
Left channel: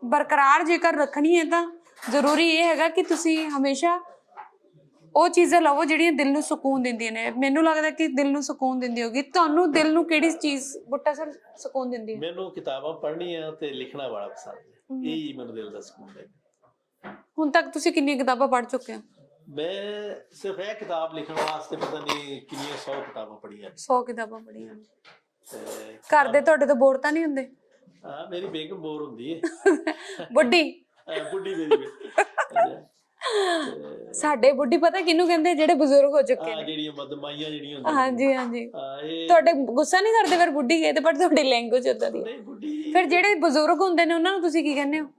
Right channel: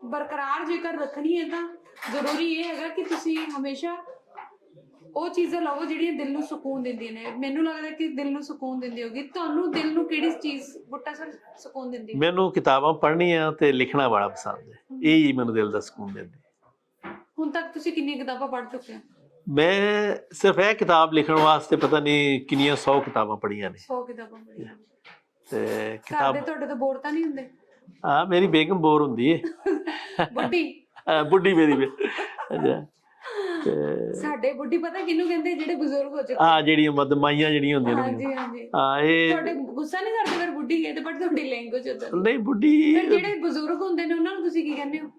ਬਰਕਰਾਰ ਜੇਕਰ ਰੱਖਣੀ ਹੈ ਤਾਂ ਜ਼ਰੂਰੀ ਇਹ ਹੈਗਾ ਕਿ ਤੁਸੀਂ ਹਮੇਸ਼ਾ ਉਹ ਚੀਜ਼ਾਂ ਲਵੋ ਜਿਹੜੀਆਂ ਦਿਲ ਨੂੰ ਸਕੂਨ ਦਿੰਦੀਆਂ ਨੇ। ਮੈਨੂੰ ਲੱਗਦਾ ਕਿ ਦਿਲ ਨੂੰ ਸਕੂਨ ਦਿੰਦੀ ਹੋਗੀ। ਤੁਹਾਨੂੰ ਦਿਲ ਨੂੰ ਕਿਹੜੀ ਚੀਜ਼ ਬੁੱਟਾ ਸਰ ਸਕੂਨ ਦਿੰਦੀ? ਮੈਨੂੰ ਕਿਤਾਬਾਂ ਪੜ੍ਹਨੀਆਂ ਤੇ ਲਿਖਣਾ ਬੜਾ ਪਸੰਦ ਹੈ। ਇਹ ਹੀ ਮੈਨੂੰ ਦਿਲ ਦਾ ਸਕੂਨ ਦਿੰਦਾ ਹੁਣ ਤੱਕ ਤੁਸੀਂ ਕਿੰਨੀਆਂ ਕਿਤਾਬਾਂ ਪੜ੍ਹ ਚੁੱਕੇ ਹੋ? ਮੈਂ ਸਿਰਫ ਇਹ ਕਿਤਾਬ ਲਿਖਣ ਵਾਸਤੇ ਪਤਾ ਨਹੀਂ ਕਿੰਨੀਆਂ 100 ਕਿਤਾਬਾਂ ਪੜ੍ਹੀਆਂ ਨੇ। 100 ਕਿਤਾਬਾਂ ਪੜ੍ਹੀਆਂ। ਤੇ ਘਰ ਕਿਤਾਬ ਦੇ ਤੁਹਾਡੇ ਤੋਂ ਬੋਰ ਤਾਂ ਨਹੀਂ ਹੁੰਦੇ? ਹਾਂ ਮੇਰੀ ਬੇਗਮ ਬੋਰ ਹੁੰਦੀ ਹੈ ਬੁੱਢੀ? ਬੁੱਢੀ ਮੇਰੀ ਅੱਛਾ। ਤੇ ਸਾਡੇ ਬੁੱਢੀ ਪਤਾ ਕਿਹਨੂੰ ਕਹਿੰਦੇ ਜਿਹੜੇ ਬਜ਼ੁਰਗ ਹੋ ਚੁੱਕੇ ਆ ਜਿਹੜੀਆਂ ਮਦਮਾਈਆਂ ਜਿਹੜੀਆਂ ਹੁੰਦੀਆਂ ਹਾਂਜੀ ਹਾਂਜੀ। ਹਾਂ ਇਹ ਤੁਹਾਡੇ ਗੁੱਸਾ ਨਹੀਂ ਕਰਦੇ ਫਿਰ ਬੁੱਢੀ ਕਹੇ ਤੇ ਪਰ ਤੁਹਾਡੀ ਲੈਂਗੁਏਜ ਉਦਾਂ ਦੀ। ਨਹੀਂ ਬੁੱਢੀ ਫਿਰ ਜਿਹੜੇ ਬਜ਼ੁਰਗ ਹੁੰਦੇ ਨੇ ਉਹਨਾਂ ਨੂੰ ਤੁਸੀਂ ਕੀ ਕਹਿੰਦੇ ਹੋ?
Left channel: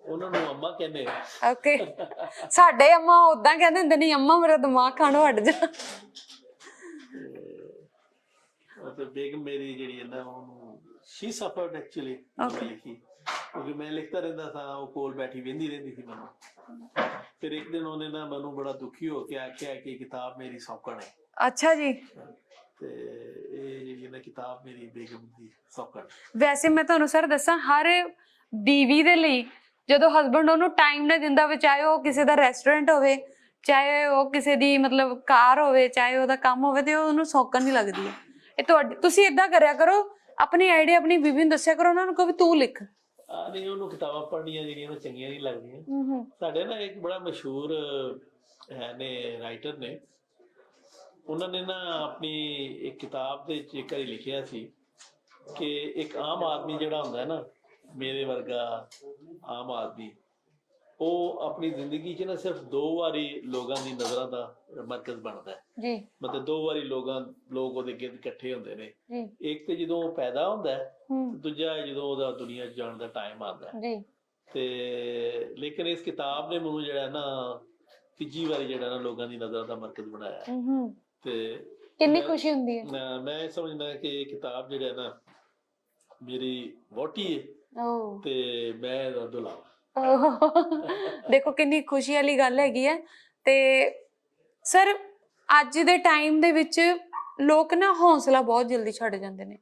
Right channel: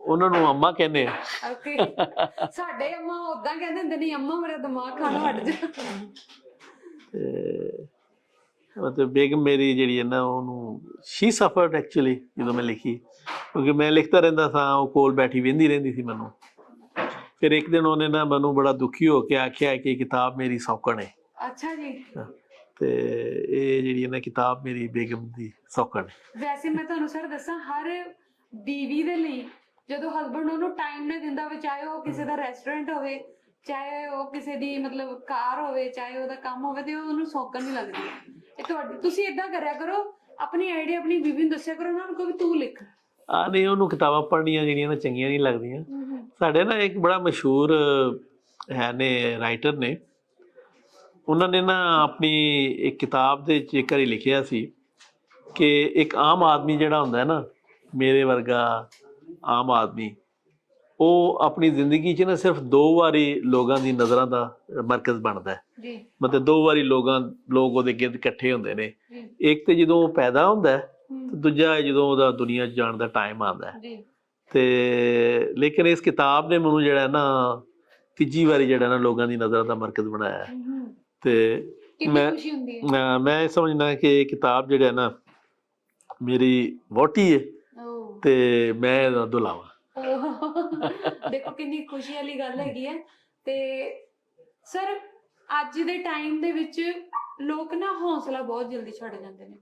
ਉਹਨਾਂ ਨੂੰ ਅੰਮਾ ਕਹਿੰਦੇ ਆ। ਓਕੇ। ਸਾਡੇ ਅੰਮਾ ਉਦਾਂ ਕਹਿੰਦੇ ਹੁੰਦੇ ਨਹੀਂ ਅੰਮਾ ਮੇਰਾ ਦਿਮਾਗ ਖਾਣੋਂ ਹਟ ਜਾ। ਤੇ ਮਤਲਬ ਬੇਗਮ ਮੇਰੀ ਜਿਹੜੀ ਹੈ ਨਾ ਉਹਨੂੰ ਸ਼ੀ ਸਫਰਡ ਐਕਚੁਅਲੀ ਜਦੋਂ ਮੈਂ ਲਿਖੀ। ਕਿਉਂਕਿ ਮੈਂ ਲਿਖਦਾ ਰਹਿੰਦਾ ਸਾਂ ਉਹ ਕੋਲ ਬੈਠੀ ਵੇਂਦੀ ਰਹਿੰਦੀ ਸੀ ਮੈਨੂੰ। ਫਿਰ ਇੱਕ ਦਿਨ ਉਹਨੇ ਨਾ ਮੈਨੂੰ ਬੜਾ ਦੁਖੀ ਹੋ ਕੇ ਆਖਿਆ ਕਿ ਇਹ ਕਿਤਾਬ ਮੇਰੀ ਸੌਕਣ ਹੈ ਅੱਛਾ ਜੀ। ਤੇ ਇਹ ਜਿਹੜੀ ਨਾ ਕਿਤਾਬ ਮੇਰੀ ਬੇਗਮ ਦੀ ਸੌਕਣ। ਵੈਸੇ ਮੈਂ ਤੁਹਾਨੂੰ ਸਰ ਦੱਸਾਂ ਹਰ ਬੀਵੀ ਦੇ ਲਈ ਜਦੋਂ ਹਸਬੰਡ ਉਹਨੂੰ ਟਾਈਮ ਨਾ ਦਿੰਦਾ ਉਹ ਕਿਸੇ ਦਾ ਰੈਸਟੋਰੈਂਟ ਹੋਵੇ ਚਾਹੇ ਉਹ ਕਿਸੇ ਦੀ ਮਤਲਬ ਕਾਰ ਹੋਵੇ ਚਾਹੇ ਉਹਦਾ ਕੰਮ ਹੋਵੇ ਤੇ ਉਹ ਉਹਨੂੰ ਸੌਕਣ ਨਹੀਂ ਲੱਗਦੀ। ਇਹ ਤੁਹਾਡੀ ਤੁਸੀਂ ਇਦਾਂ ਕਰਿਆ ਕਰੋ ਆਪਣੀ ਆਈਡੀਆ ਆਪਣੀ ਬੀਵੀ ਨੂੰ ਦੱਸਿਆ ਕਰੋ ਉਹਨਾਂ ਨੂੰ ਕਹੋ ਤੂੰ ਲਿਖ। ਆ ਨਹੀਂ ਉਹਨੂੰ ਕਿਤਾਬਾਂ ਪੜ੍ਹਨੀਆਂ ਜਿਹੜੀਆਂ ਨਾ ਚੰਗੀਆਂ ਨਹੀਂ ਲੱਗਦੀਆਂ। ਸਾਡੇ ਨਾ ਇੱਕ ਬੜਾ ਮਸ਼ਹੂਰ ਹੈ ਨੇ ਰਾਈਟਰ ਨੇ। ਉਹਨਾਂ ਨੇ ਨਾ ਆਪਣੀ ਇੱਕ ਕਿਤਾਬ ਦੇ ਵਿੱਚ ਇੱਕ ਵਾਰੀ ਲਿਖਿਆ ਸੀ ਕਿ ਇੱਕ ਆਮ ਆਦਮੀ ਜਿਹੜਾ ਹੁੰਦਾ ਹੈ ਨਾ ਮੇਰੇ ਵਰਗਾ ਆਮ ਆਦਮੀ ਉਹ ਆਪਣੀ ਜ਼ਿੰਦਗੀ 'ਚ ਨਾ ਸਿਰਫ ਦੋ ਵਾਰੀ ਲੋਕਾਂ ਦੀ ਨਜ਼ਰਾਂ ਦਾ ਮਰਕਜ਼ ਬਣਦਾ ਹੈ। ਜੀ। ਮਤਲਬ ਦੋ ਵਾਰੀ ਲੋਕਾਂ ਲੋਕ ਉਹਦੇ ਗਿਰਦ ਇਕੱਠੇ ਹੁੰਦੇ ਨੇ। ਇੱਕ ਤੇ ਜਦੋਂ ਉਹ ਪੈਦਾ ਹੁੰਦਾ ਹੈ ਤੇ ਦੂਜਾ ਹੈ ਜਦੋਂ ਉਹਦਾ ਦੁਨੀਆ 'ਚ ਜਾਣ ਦਾ ਟਾਈਮ ਆਉਂਦਾ ਹੈ। ਜੀ। ਤੇ ਲੇਕਿਨ ਇਸ ਕਿਤਾਬ ਨੇ ਮੈਨੂੰ ਜਿਹੜਾ ਹੈ ਨਾ ਤੀਜੀ ਵਾਰੀ ਜਿਹੜਾ ਨਾ ਲੋਕਾਂ ਦੀ ਨਜ਼ਰਾਂ ਦਾ ਮਰਕਜ਼ ਬਣਾਇਆ। ਹੈ। ਤੇ ਕਿੰਨੀ ਮੈਂ- ਖੁਸ਼ੀ ਹੁੰਦੀ ਹੈ। ਮੈਂ ਮੈਂ ਇਹ ਸਮਝਦਾ ਕਿ ਇਹ ਕਿਤਾਬ ਜਿਹੜਾ ਹੈ ਨਾ ਮੇਰੀ ਵੋਟੀ ਹੈ ਓ ਤੇ ਮੈਂ ਇਹਦਾ ਦੁਲਾਵਾ। ਦੇਖੋ ਕਿੰਨੀ ਖੁਸ਼ੀ ਵਾਲੀ ਗੱਲ ਹੈਗੀ ਹੈ। ਤੇ ਸਰ ਅੱਜ ਦੇ ਟਾਈਮ ਦੇ ਵਿੱਚ ਲੋਕ ਨਾ ਹੌਸਲਾ ਬਹੁਤ ਜਲਦੀ ਛੱਡ ਜਾਂਦੇ ਨੇ।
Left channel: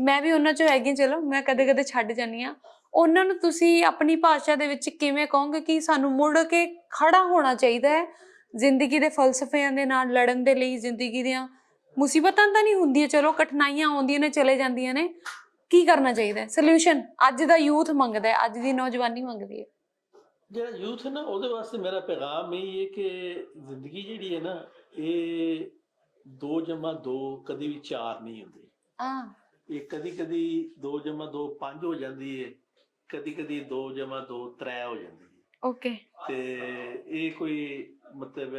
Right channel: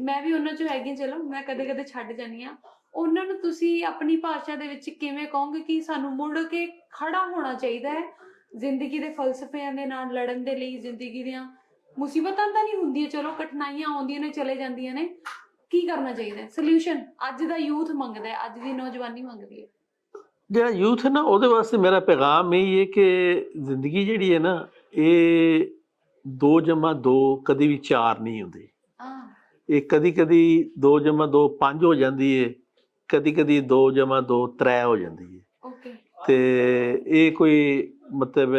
ਮੈਂ ਵੀ ਉਹਨਾਂ ਚੋਂ ਹੈਗੀ ਚਲੋ ਮੈਂ ਕਦੇ ਕਦੇ ਛੱਡ ਜਾਂਦੀ ਆ ਉਹਨਾਂ ਨੂੰ ਤੁਸੀਂ ਆਪਣੀ ਭਾਸ਼ਾ ਦੇ ਵਿੱਚ ਕਿਵੇਂ ਕਹੋਗੇ ਕਿ ਸਾਨੂੰ ਮੁੜ ਕੇ ਖੜਾ ਹੋਣਾ ਚਾਹੀਦਾ ਹੈ? ਜ਼ਿੰਦਗੀ ਦੇ ਫਲਸਫਿਆਂ ਦੇ ਨਾਲ ਲੜਨ ਦੇ ਲਈ ਜ਼ਿੰਦਗੀ ਦੀਆਂ ਮੁਸੀਬਤਾਂ ਤਾਂ ਨਹੀਂ ਹੁੰਦੀਆਂ ਚਲੋ ਕਠਿਨਾਈਆਂ ਆਉਂਦੀਆਂ ਨੇ ਚਲੇ ਜਾਂਦੀਆਂ ਨੇ। ਕੀ ਕਰਨਾ ਚਾਹੀਦਾ ਹੈ? ਸੋਲੂਸ਼ਨ ਅੱਜ ਦਾ ਯੂਥ ਮੰਗਦਾ ਹੈ ਅੱਜ ਦੀ ਨੌਜਵਾਨੀ ਮੰਗਦੀ ਹੈ। ਜਿਹੜਾ ਯੂਥ ਹੈ ਨਾ ਉਹਦੇ ਵਾਸਤੇ ਮੇਰਾ ਪੈਗਾਮ ਇਹ ਹੈ ਕਿ ਜ਼ਿੰਦਗੀ ਜਿਹੜੀ ਹੈ ਨਾ ਇਹ 2 ਜਮਾ 2 ਕਦੀ ਵੀ 4 ਨਹੀਂ ਹੁੰਦੀ। ਇਹ ਕਦੀ ਕਦੀ 2 ਜਮਾ 2 5 ਹੋ ਜਾਂਦੀ ਹੈ ਕਦੀ ਕਦੀ 2 ਜਮਾ 2 3 ਹੋ ਜਾਂਦੀ ਹੈ ਓਕੇ। ਤੇ ਇਹ ਕੋਈ ਮਤਲਬ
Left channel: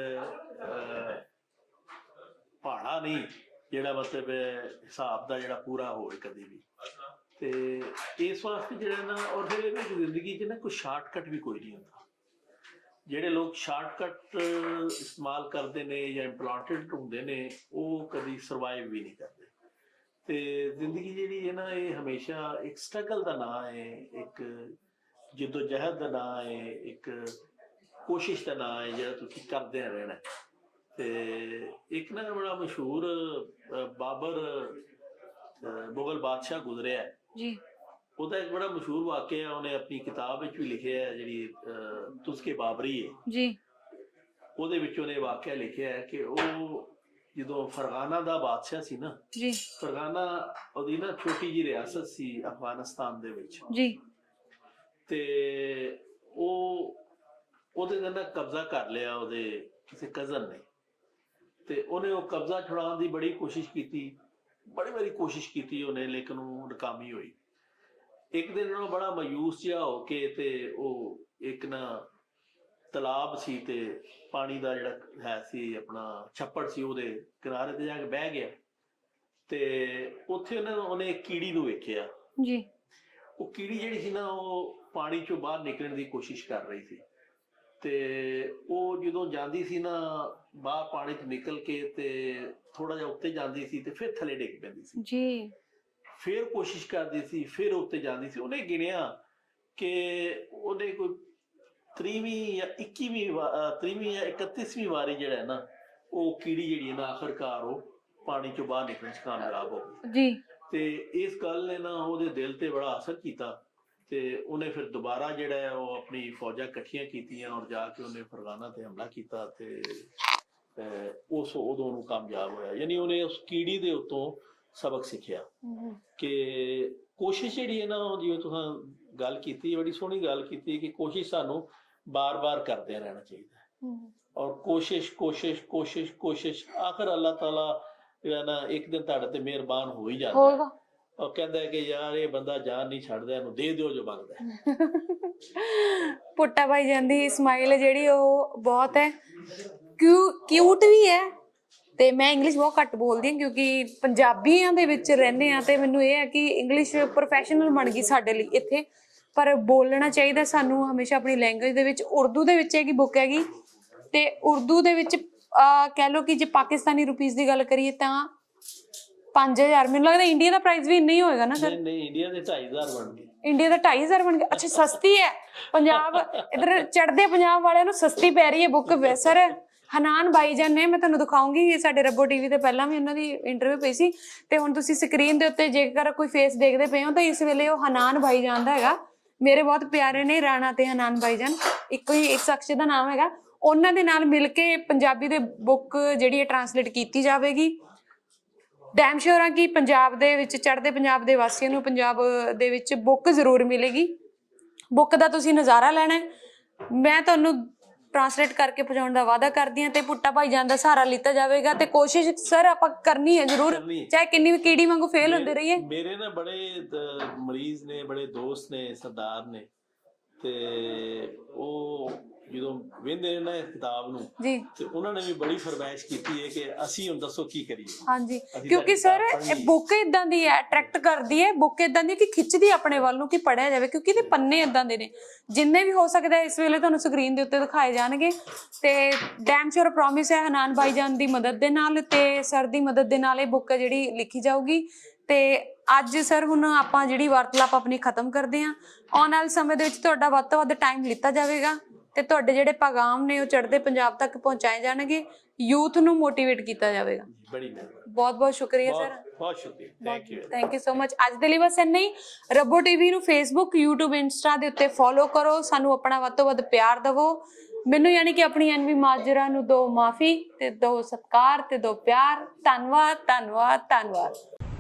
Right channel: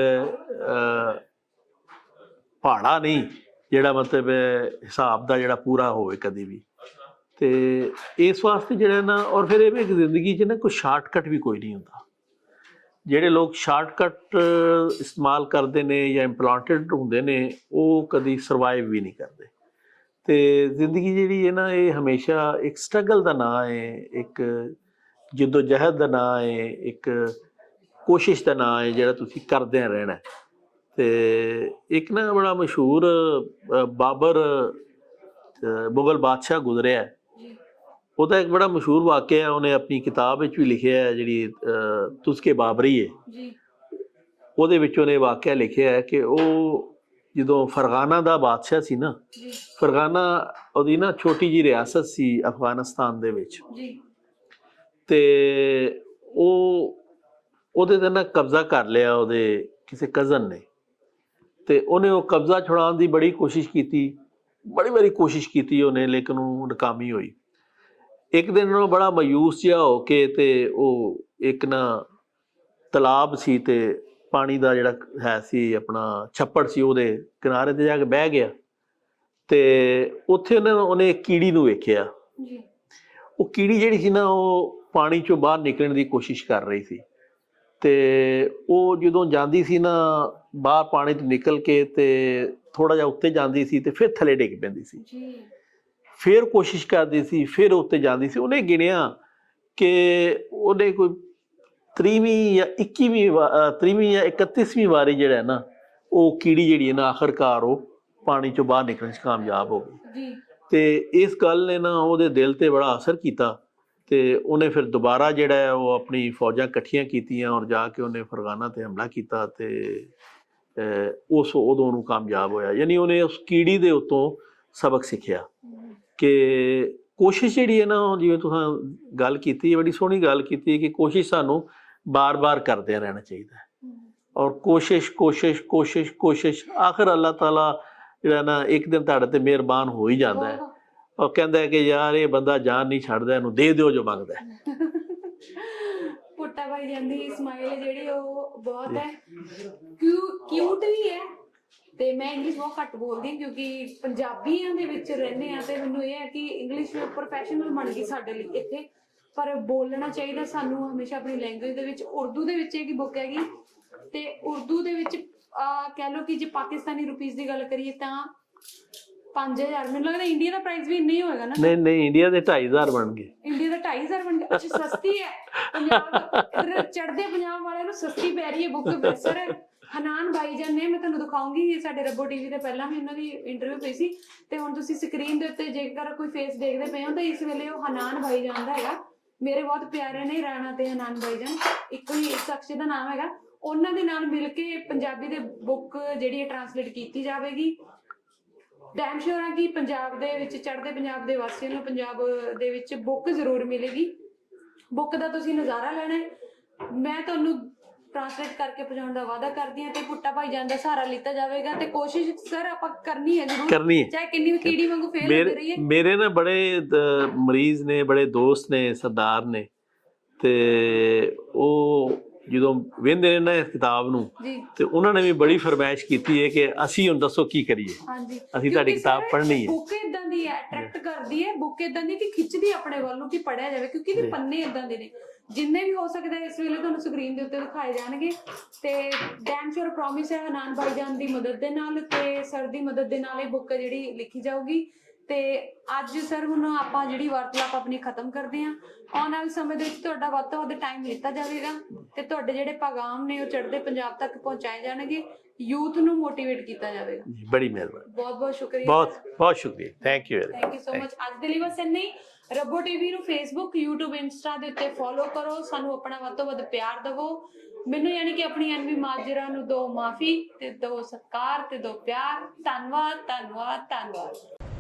ਪਹਾੜਾ ਨਹੀਂ ਜਿਹੜਾ ਮਤਲਬ ਹਿਸਾਬ ਦਾ ਜਿਹੜਾ ਪੂਰਾ ਹੋਵੇ ਕਦੀ ਵੀ। ਤੇ ਇਸ ਵਾਸਤੇ ਜਿਹੜਾ ਨਾ ਔਰ ਫਿਰ ਇਹ ਵੀ ਇੱਕ ਜ਼ਿੰਦਗੀ 'ਚ ਨਾ ਕੋਈ ਸ਼ਾਰਟਕਟ ਵੀ ਕੋਈ ਨਹੀਂ ਹੁੰਦਾ। ਜਿਹੜੇ ਲੋਕ ਸ਼ਾਰਟਕਟ ਇਸਤੇਮਾਲ ਕਰਦੇ ਨੇ ਜਾਂ ਇੰਪਲਾਂਟਡ ਹੁੰਦੇ ਨੇ ਉਹ ਕਦੀ ਸਰਵਾਈਵ ਵੀ ਨਹੀਂ ਕਰਦੇ। ਤੇ ਜ਼ਿੰਦਗੀ ਜਿਹੜੀ ਹੈ ਨਾ ਇਹ ਹਮੇਸ਼ਾ ਇੱਕ ਸਟਰਗਲ ਦਾ ਨਾਂ ਹੈ ਇੱਕ ਜਹਿਦ ਦਾ ਨਾਂ ਹੈ ਇੱਕ ਕੋਸ਼ਿਸ਼ ਦਾ ਨਾਂ ਹੈ ਜਿਹੜਾ ਤੁਸੀਂ ਕਰਦੇ ਰਹਿਣਾ। ਤੇ ਇੱਕ ਨਾ ਬੜਾ ਮਸ਼ਹੂਰ ਬਾਬਰ ਮੁਗਲ ਬਾਦਸ਼ਾਹ ਗੁਜ਼ਰਿਆ ਹੈ। ਜੀ ਉਹਦਾ ਇੱਕ ਬੜਾ ਮਸ਼ਹੂਰ ਵਾਕਿਆ ਹੈ ਉਹਨੇ ਆਪਣੀ ਕਿਤਾਬ ਵਿੱਚ ਵੀ ਲਿਖਿਆ ਹੈ ਜਿਹੜੀ ਤੁਸਕੇ ਬਾਬਰੀ ਹੈ ਜੀ ਉਹਦੇ ਵਿੱਚ ਉਹਨੇ ਵਾਕਿਆ ਲਿਖਿਆ ਹੈ ਕਿ ਉਹ ਜਦੋਂ ਫਰਗਾਨਾ ਦਾ ਬਾਦਸ਼ਾਹ ਸੀ ਨਾ ਜੀ। ਫਰਗਾਨਾ ਉਹਦੀ ਨਾ ਛੋਟੀ ਜੀ ਰਿਆਸਤ ਸੀ ਅਫਗਾਨਿਸਤਾਨ ਦੇ ਵਿੱਚ। ਜੀ। ਤੇ ਉਹ ਉਹਦੇ ਤੇ ਨਾ ਕਬਜ਼ਾ ਕਰ ਲਿਆ ਉਹਦੇ ਕਿਸੇ ਕਜ਼ਨ ਨੇ। ਤੇ ਉਹਨੇ ਉਹ ਕਬਜ਼ਾ ਛੁਡਾਉਣ ਦੀ ਬੜੀ ਕੋਸ਼ਿਸ਼ ਕੀਤੀ ਬੜੀ ਵਾਰੀ ਕੋਸ਼ਿਸ਼ ਕੀਤੀ ਉਹਨੇ ਲੇਕਿਨ ਉਹ ਨਾਕਾਮੀ ਹੋਈ। ਇੱਕ ਦਿਨ ਉਹ ਬੜਾ ਮਾਯੂਸ ਜਿਹਾ ਹੋ ਕੇ ਤੇ ਉਹ ਇੱਕ ਨਾ ਤਲਾਬ ਸੀ ਤੇ ਪਾਣੀ ਦਾ ਜਿਹੜਾ ਹੈ ਸੀ ਆਪਣਾ ਛੱਪੜ ਸੀ ਉਹਦੇ ਕਿਨਾਰੇ ਤੇ ਜਾ ਕੇ ਬਹਿ ਗਿਆ ਤੇ ਉੱਥੇ ਉਹਨੇ ਉਹਨੇ ਕੀੜੀ ਨੂੰ ਵੇਖਿਆ। ਜੀ। ਉਹ ਕੀੜੀ ਜਿਹੜੀ ਸੀ ਨਾ ਉਹ ਪਾਣੀ ਚੋਂ ਬਾਹਰ ਨਿਕਲਣ ਦੀ ਕੋਸ਼ਿਸ਼ ਕਰ ਰਹੀ ਸੀ। ਤੇ ਉਹ ਜਦੋਂ ਜਾਂਦੀ ਸੀ ਨਾ ਬਾਹਰ ਪਾਣੀ ਤੋਂ ਨਿਕਲ ਕੇ ਤੇ ਥੋੜਾ ਜਿਹਾ ਉੱਤੇ ਜਾਂਦੀ ਸੀ ਤੇ ਫਿਰ ਥੱਲੇ ਡਿੱਗ ਪੈਂਦੀ ਸੀ। ਜੀ। ਫਿਰ ਕੋਸ਼ਿਸ਼ ਕਰਦੀ ਸੀ ਫਿਰ ਉੱਤੇ ਜਾਂਦੀ ਸੀ। ਉਹਨੇ ਗਿਣਿਆ ਕਿ ਉਹਨੇ ਕੋਈ 30ਵੀਂ ਜਾਂ 21ਵੀਂ 30ਵੀਂ ਜਾਂ 31ਵੀਂ ਵਾਰੀ ਜਿਹੜਾ ਹੈ ਨਾ ਉਹ ਕੀੜੀ ਜਿਹੜੀ ਹੈ ਨਾ ਆਖਰਕਾਰ ਉਹ ਪਾਣੀ ਚੋਂ ਬਾਹਰ ਨਿਕਲਣ 'ਚ ਕਾਮਯਾਬ ਹੋ ਗਈ। ਜੀ। ਤੇ ਇਸ ਗੱਲ ਨੇ ਨਾ ਉਹਦੇ ਦਿਲ ਤੇ ਬੜਾ ਅਸਰ ਕੀਤਾ ਤੇ ਉਹਨੇ ਫਿਰ ਦੁਬਾਰਾ ਜਿਹੜਾ ਹੈ ਉਹ ਆਪਣੀ ਫੌਜਾਂ ਇਕੱਠੀਆਂ ਕੀਤੀਆਂ ਔਰ ਜਾ ਕੇ ਉਹਨੇ ਫਰਗਾਨਾ ਤੇ ਹਮਲਾ ਕੀਤਾ ਤੇ ਉਸ ਉਦੋਂ ਉਹਨੂੰ ਕਾਮਯਾਬ ਹੋਇਆ। ਯਾਨੀ ਉਹਨੇ ਉਸ ਕੀੜੀ ਦੇ ਉੱਤੋਂ ਸਬਕ ਸਿੱਖਿਆ ਕਿ ਕੋਸ਼ਿਸ਼ ਜਿਹੜੀ ਹੈ ਨਾ ਜਿਵੇਂ ਤੁਸੀਂ ਗੱਲ ਕੀਤੀ ਬੜੀ ਸੋਹਣੀ ਗੱਲ ਕੀਤੀ ਹੈ ਕਿ ਕੋਸ਼ਿਸ਼ ਸਾਨੂੰ ਬਾਰ-ਬਾਰ ਕਰਦੇ ਰਹਿਣਾ ਚਾਹੀਦਾ ਹੈ। ਔਰ ਕੋਸ਼ਿਸ਼ ਕੋਸ਼ਿਸ਼ ਕੋਸ਼ਿਸ਼ ਕੋਸ਼ਿਸ਼ ਆਖਰ ਅੱਲਾਹ ਤਾਲਾ ਜਿਹੜਾ ਨਾ ਇੱਕ ਦਿਨ ਤੁਹਾਡੇ ਤੇ ਮਿਹਰਬਾਨ ਹੋ ਹੀ ਜਾਂਦਾ ਹੈ। ਉਹ ਕਹਿੰਦਾ ਹੈ ਕਿ ਯਾਰ ਇਹ ਬੰਦਾ ਜਾਨ ਨਹੀਂ ਛੱਡਦਾ ਇਹਨੂੰ ਦੇ ਦਿਓ ਜੋ ਮੰਗਦਾ ਹੈ। ਪੁੱਟਾ ਭਾਈ ਜਾਂਦੀ ਸਮਾਈਲ ਜਿਹੜੀ ਉਹ ਬਹੁਤ ਹੈ। ਕਿਊ ਕਿਊਟ ਵੀ ਹੈ। ਤੇ ਮੈਂ ਇੰਗਲਿਸ਼ ਬਹੁਤ ਘੱਟ ਬੋਲਦੀ ਹਾਂ ਕਿਉਂਕਿ ਪੰਜਾਬੀਆਂ ਦੇ ਵਿੱਚ ਰਹਿੰਦੇ ਆ ਤੇ ਮੈਨੂੰ ਇਹ ਹੈ ਕਿ ਇੰਗਲਿਸ਼ ਪ੍ਰੋਫੈਸ਼ਨਲ ਬਣ ਗਈ ਸਾਡੇ ਲਈ ਇੱਥੇ। ਪਰ ਬੋਲਣਾ ਚਾਹੀਦਾ ਸਾਨੂੰ ਹਮੇਸ਼ਾ ਆਪਣੀ ਲੈਂਗੁਏਜ ਦੇ ਵਿੱਚ ਉਰਦੂ ਦੇ ਵਿੱਚ ਹੈਗੀ ਬੁੱਕ ਹੈਗੀ ਤੇ ਉਰਦੂ ਦੇ ਵਿੱਚ ਕਹਿ ਲਓ ਕਿ ਜੇ ਪਾਕਿਸਤਾਨੀ ਰੁਪੀਸ ਦੀ ਗੱਲ ਕਰੀਏ ਤਾਂ 5000 ਮੈਨੂੰ ਲੱਗਦਾ ਇੰਡੀਆ ਦਾ ਪ੍ਰਾਈਸ ਵੀ ਇੰਨਾ ਹੀ ਹੋਏਗਾ ਨਾ ਨਹੀਂ ਨਹੀਂ ਇੰਡੀਆ ਦੇ 2500 ਬਣ ਗਏ। ਇੰਡੀਆ ਦਾ 2500 ਬਣ ਗਿਆ ਅੱਛਾ ਸਸਤੀ ਹੈ। ਪੰਜਾਬ ਇਧਰ ਚੜਦੇ ਪੰਜਾਬ ਵਾਲਿਆਂ ਨੂੰ ਸਸਤੀ ਪੈ ਰਹੀ ਹੈ ਬੁੱਕ ਸਰ ਹਨਾਨ ਬਾਈਜਨ ਨੇ ਮੈਂ ਤੁਹਾਨੂੰ ਦਿਖਾਉਂਗੀ। ਇਹ ਸਾਡੇ ਰੱਬੋ ਟੀਵੀ ਤੇ ਪਹਿਲਾਂ ਵੀ ਉਹਨਾਂ ਦੀ ਇੰਟਰਵਿਊ ਪਈ ਸੀ। ਤੇ ਹੁਣ ਤੁਸੀਂ ਸਕਰੀਨ ਦੇ ਉੱਤੇ ਜੇਕਰ ਕੋਈ ਫੇਸ ਦੇਖਦੇ ਪਏ ਹੋ ਤਾਂ ਇਸ ਵੇਲੇ ਉਹ ਹਨਾਨ ਬਾਈਜਾਨ ਦਾ ਹੈਗਾ। ਮੇਰੇ ਬਹੁਤ ਪਿਆਰੇ ਨੇ ਰਾਣਾ ਤੇ ਹਨਾਨ ਬਾਈਜਾਨ ਇੱਕੋ ਹੀ ਇੱਕ ਸ਼ਖਸ ਦਾ ਨਾਮ ਹੈਗਾ। ਉਹਨਾਂ ਦੇ ਨਾਲ ਮਿਲ ਕੇ ਪੰਜਾਬੀ ਦੇ ਬੁੱਕ ਜਿਹੜੀ ਹੈ ਟਰਾਂਸਲੇਟ ਕੀਤੀ ਜਾਵੇਗੀ। ਡੈਮ ਸ਼ੋਰ ਆ ਕਿ ਪੰਜਾਬ ਦੇ ਵਿੱਚ, ਚੜ੍ਹਦੇ ਪੰਜਾਬ ਦੇ ਵਾਸੀਆਂ ਨੂੰ ਪੰਜਾਬ ਦੇ ਵਿੱਚ ਬੁੱਕ ਜ਼ਰੂਰ ਮਿਲੇਗੀ। ਬੁੱਕ ਦਾ ਤੁਸੀਂ ਨਜ਼ਾਰਾ ਲੈਣਾ ਹੈ। ਮੈਂ ਤੁਹਾਨੂੰ ਟਰਾਂਸਲੇਟ ਕਰਕੇ ਪਹੁੰਚਾਉਣ ਦਾ ਵਾਅਦਾ ਕਰਦੀ ਹਾਂ ਤੇ ਪੁੱਟਾ ਭਾਈ ਜਾਨ ਦਾ ਸਹਾਰਾ ਲਿੱਤਾ ਜਾਵੇਗਾ ਤੇ ਕੋਸ਼ਿਸ਼ ਸਰ ਆਪਾਂ ਕਰਨੀ ਹੈ ਜ਼ਰੂਰ ਕਰਨੀ ਹੈ। ਚਾਹੇ ਕਿੰਨੀ ਵੀ ਕੀੜੀ ਵਾਂਗੂ ਫੇਲ ਹੁੰਦੇ ਰਹੀਏ। ਮੇਰੇ ਨਾ ਬੜੇ ਮਰੀਜ਼ ਨੇ ਬੜੇ ਦੋਸਤ ਨੇ ਸਰਦਾਰ ਨੇ ਤੇ ਉਹ ਜਦੋਂ ਵੇਂਦੇ ਨੇ ਨਾ ਇਸ ਕਿਤਾਬ ਨੂੰ ਤੇ ਉਹਨਾਂ ਨੇ ਵੀ ਬੜੀ ਫਰਮਾਇਸ਼ ਕੀਤੀ ਹੈ ਕਿ ਅਸੀਂ ਹੁਣ ਦੱਸੋ ਕੀ ਕਰੀਏ। ਹਾਂਜੀ ਅਸੀਂ ਤੁਹਾਡੀ ਕਿਤਾਬ ਪੜ੍ਹਨੀ ਹੈ। ਬੁੱਕ ਇਦਾਂ ਦੀ ਹੈ ਅਟਰੈਕਟ ਕਰਦੀ ਹੈ ਬੁੱਕ ਇਦਾਂ ਦੀ ਕਿ ਖਿੱਚਦੀ ਆਪਣੇ ਵੱਲ ਨੂੰ ਕਿ ਪੜਿਆ ਜਾਵੇ ਕਿਉਂਕਿ ਇਹਦੇ ਪੰਨੇ ਇਦਾਂ ਦੇ ਨੇ। ਜਿੰਨੇ ਵੀ ਹੋ ਸਕਦਾ ਇਸ ਵੇਲੇ ਤੁਹਾਨੂੰ ਸਕਰੀਨ ਦੇ ਉੱਤੇ ਦਿਖਾਏ ਜਾਣਗੇ। ਤੇ ਡੈਮ ਸ਼ੋਰ ਪ੍ਰੋਮਿਸ ਹੈ ਹਨਾਨ ਭਾਈਜਾਨ ਦੀ ਮਦਦ ਦੇ ਨਾਲ ਤੇ ਸਰ ਦੀ ਮਦਦ ਦੇ ਨਾਲ ਇਹ ਬੁੱਕ ਜਿਹੜੀ ਲਿਖੀ ਜਾਊਗੀ। ਤੇ ਅੱਜ ਸਰ ਹੁਣ ਆਪਾਂ ਜਿਹੜੀ ਵਾਰਤਾਲਾਪ ਆਪਣੀ ਖਤਮ ਕਰਦੇ ਹਾਂ। ਆਉਣ ਵਾਲੇ ਸਮੇਂ ਦੇ ਵਿੱਚ ਤੁਹਾਡਾ ਵੱਧ ਤੋਂ ਵੱਧ ਟਾਈਮ ਲਿੱਤਾ ਜਾਵੇਗਾ ਤੇ ਤੁਹਾਡੇ ਜਿਹੜੇ ਪੈਗਾਮ ਨੇ ਉਹ ਚੜ੍ਹਦੇ ਪੰਜਾਬ ਤੱਕ ਪਹੁੰਚਾਏ ਜਾਣਗੇ। ਯੂਥ ਨੂੰ ਮੋਟੀਵੇਟ ਕੀਤਾ ਜਾਵੇਗਾ। ਜੀ, ਬੜੀ ਮਿਹਰਬਾਨੀ। ਬਹੁਤ ਬਹੁਤ ਸ਼ੁਕਰੀਆ ਬਹੁਤ ਬਹੁਤ ਸ਼ੁਕਰੀਆ। Thank you thank you so much ਅੱਜ ਦੇ ਲਈ ਬਸ ਇੰਨਾ ਹੀ। ਰੱਬੋ ਟੀਵੀ ਨੂੰ ਫੇਸਬੁੱਕ YouTube ਇੰਸਟਾ ਦੇ ਉੱਤੇ ਫੋਲੋ ਕਰੋ। ਸਾਨੂੰ ਆਪਣਾ ਵੱਧ ਤੋਂ ਵੱਧ ਪਿਆਰ ਦਿਵੋ। ਮੈਨੂੰ ਯਾਨੀ ਕਿ ਆਪਣੀ ਐਨਵੀ ਮਾਜਰਾ ਨੂੰ ਦੋ ਮਾਫੀ ਤੇ ਦੋ ਸਤਿਕਾਰ ਤੇ ਦੋ ਪਿਆਰ। ਧੰਨਵਾਦ ਧੰਨਵਾਦ ਧੰਨਵਾਦ।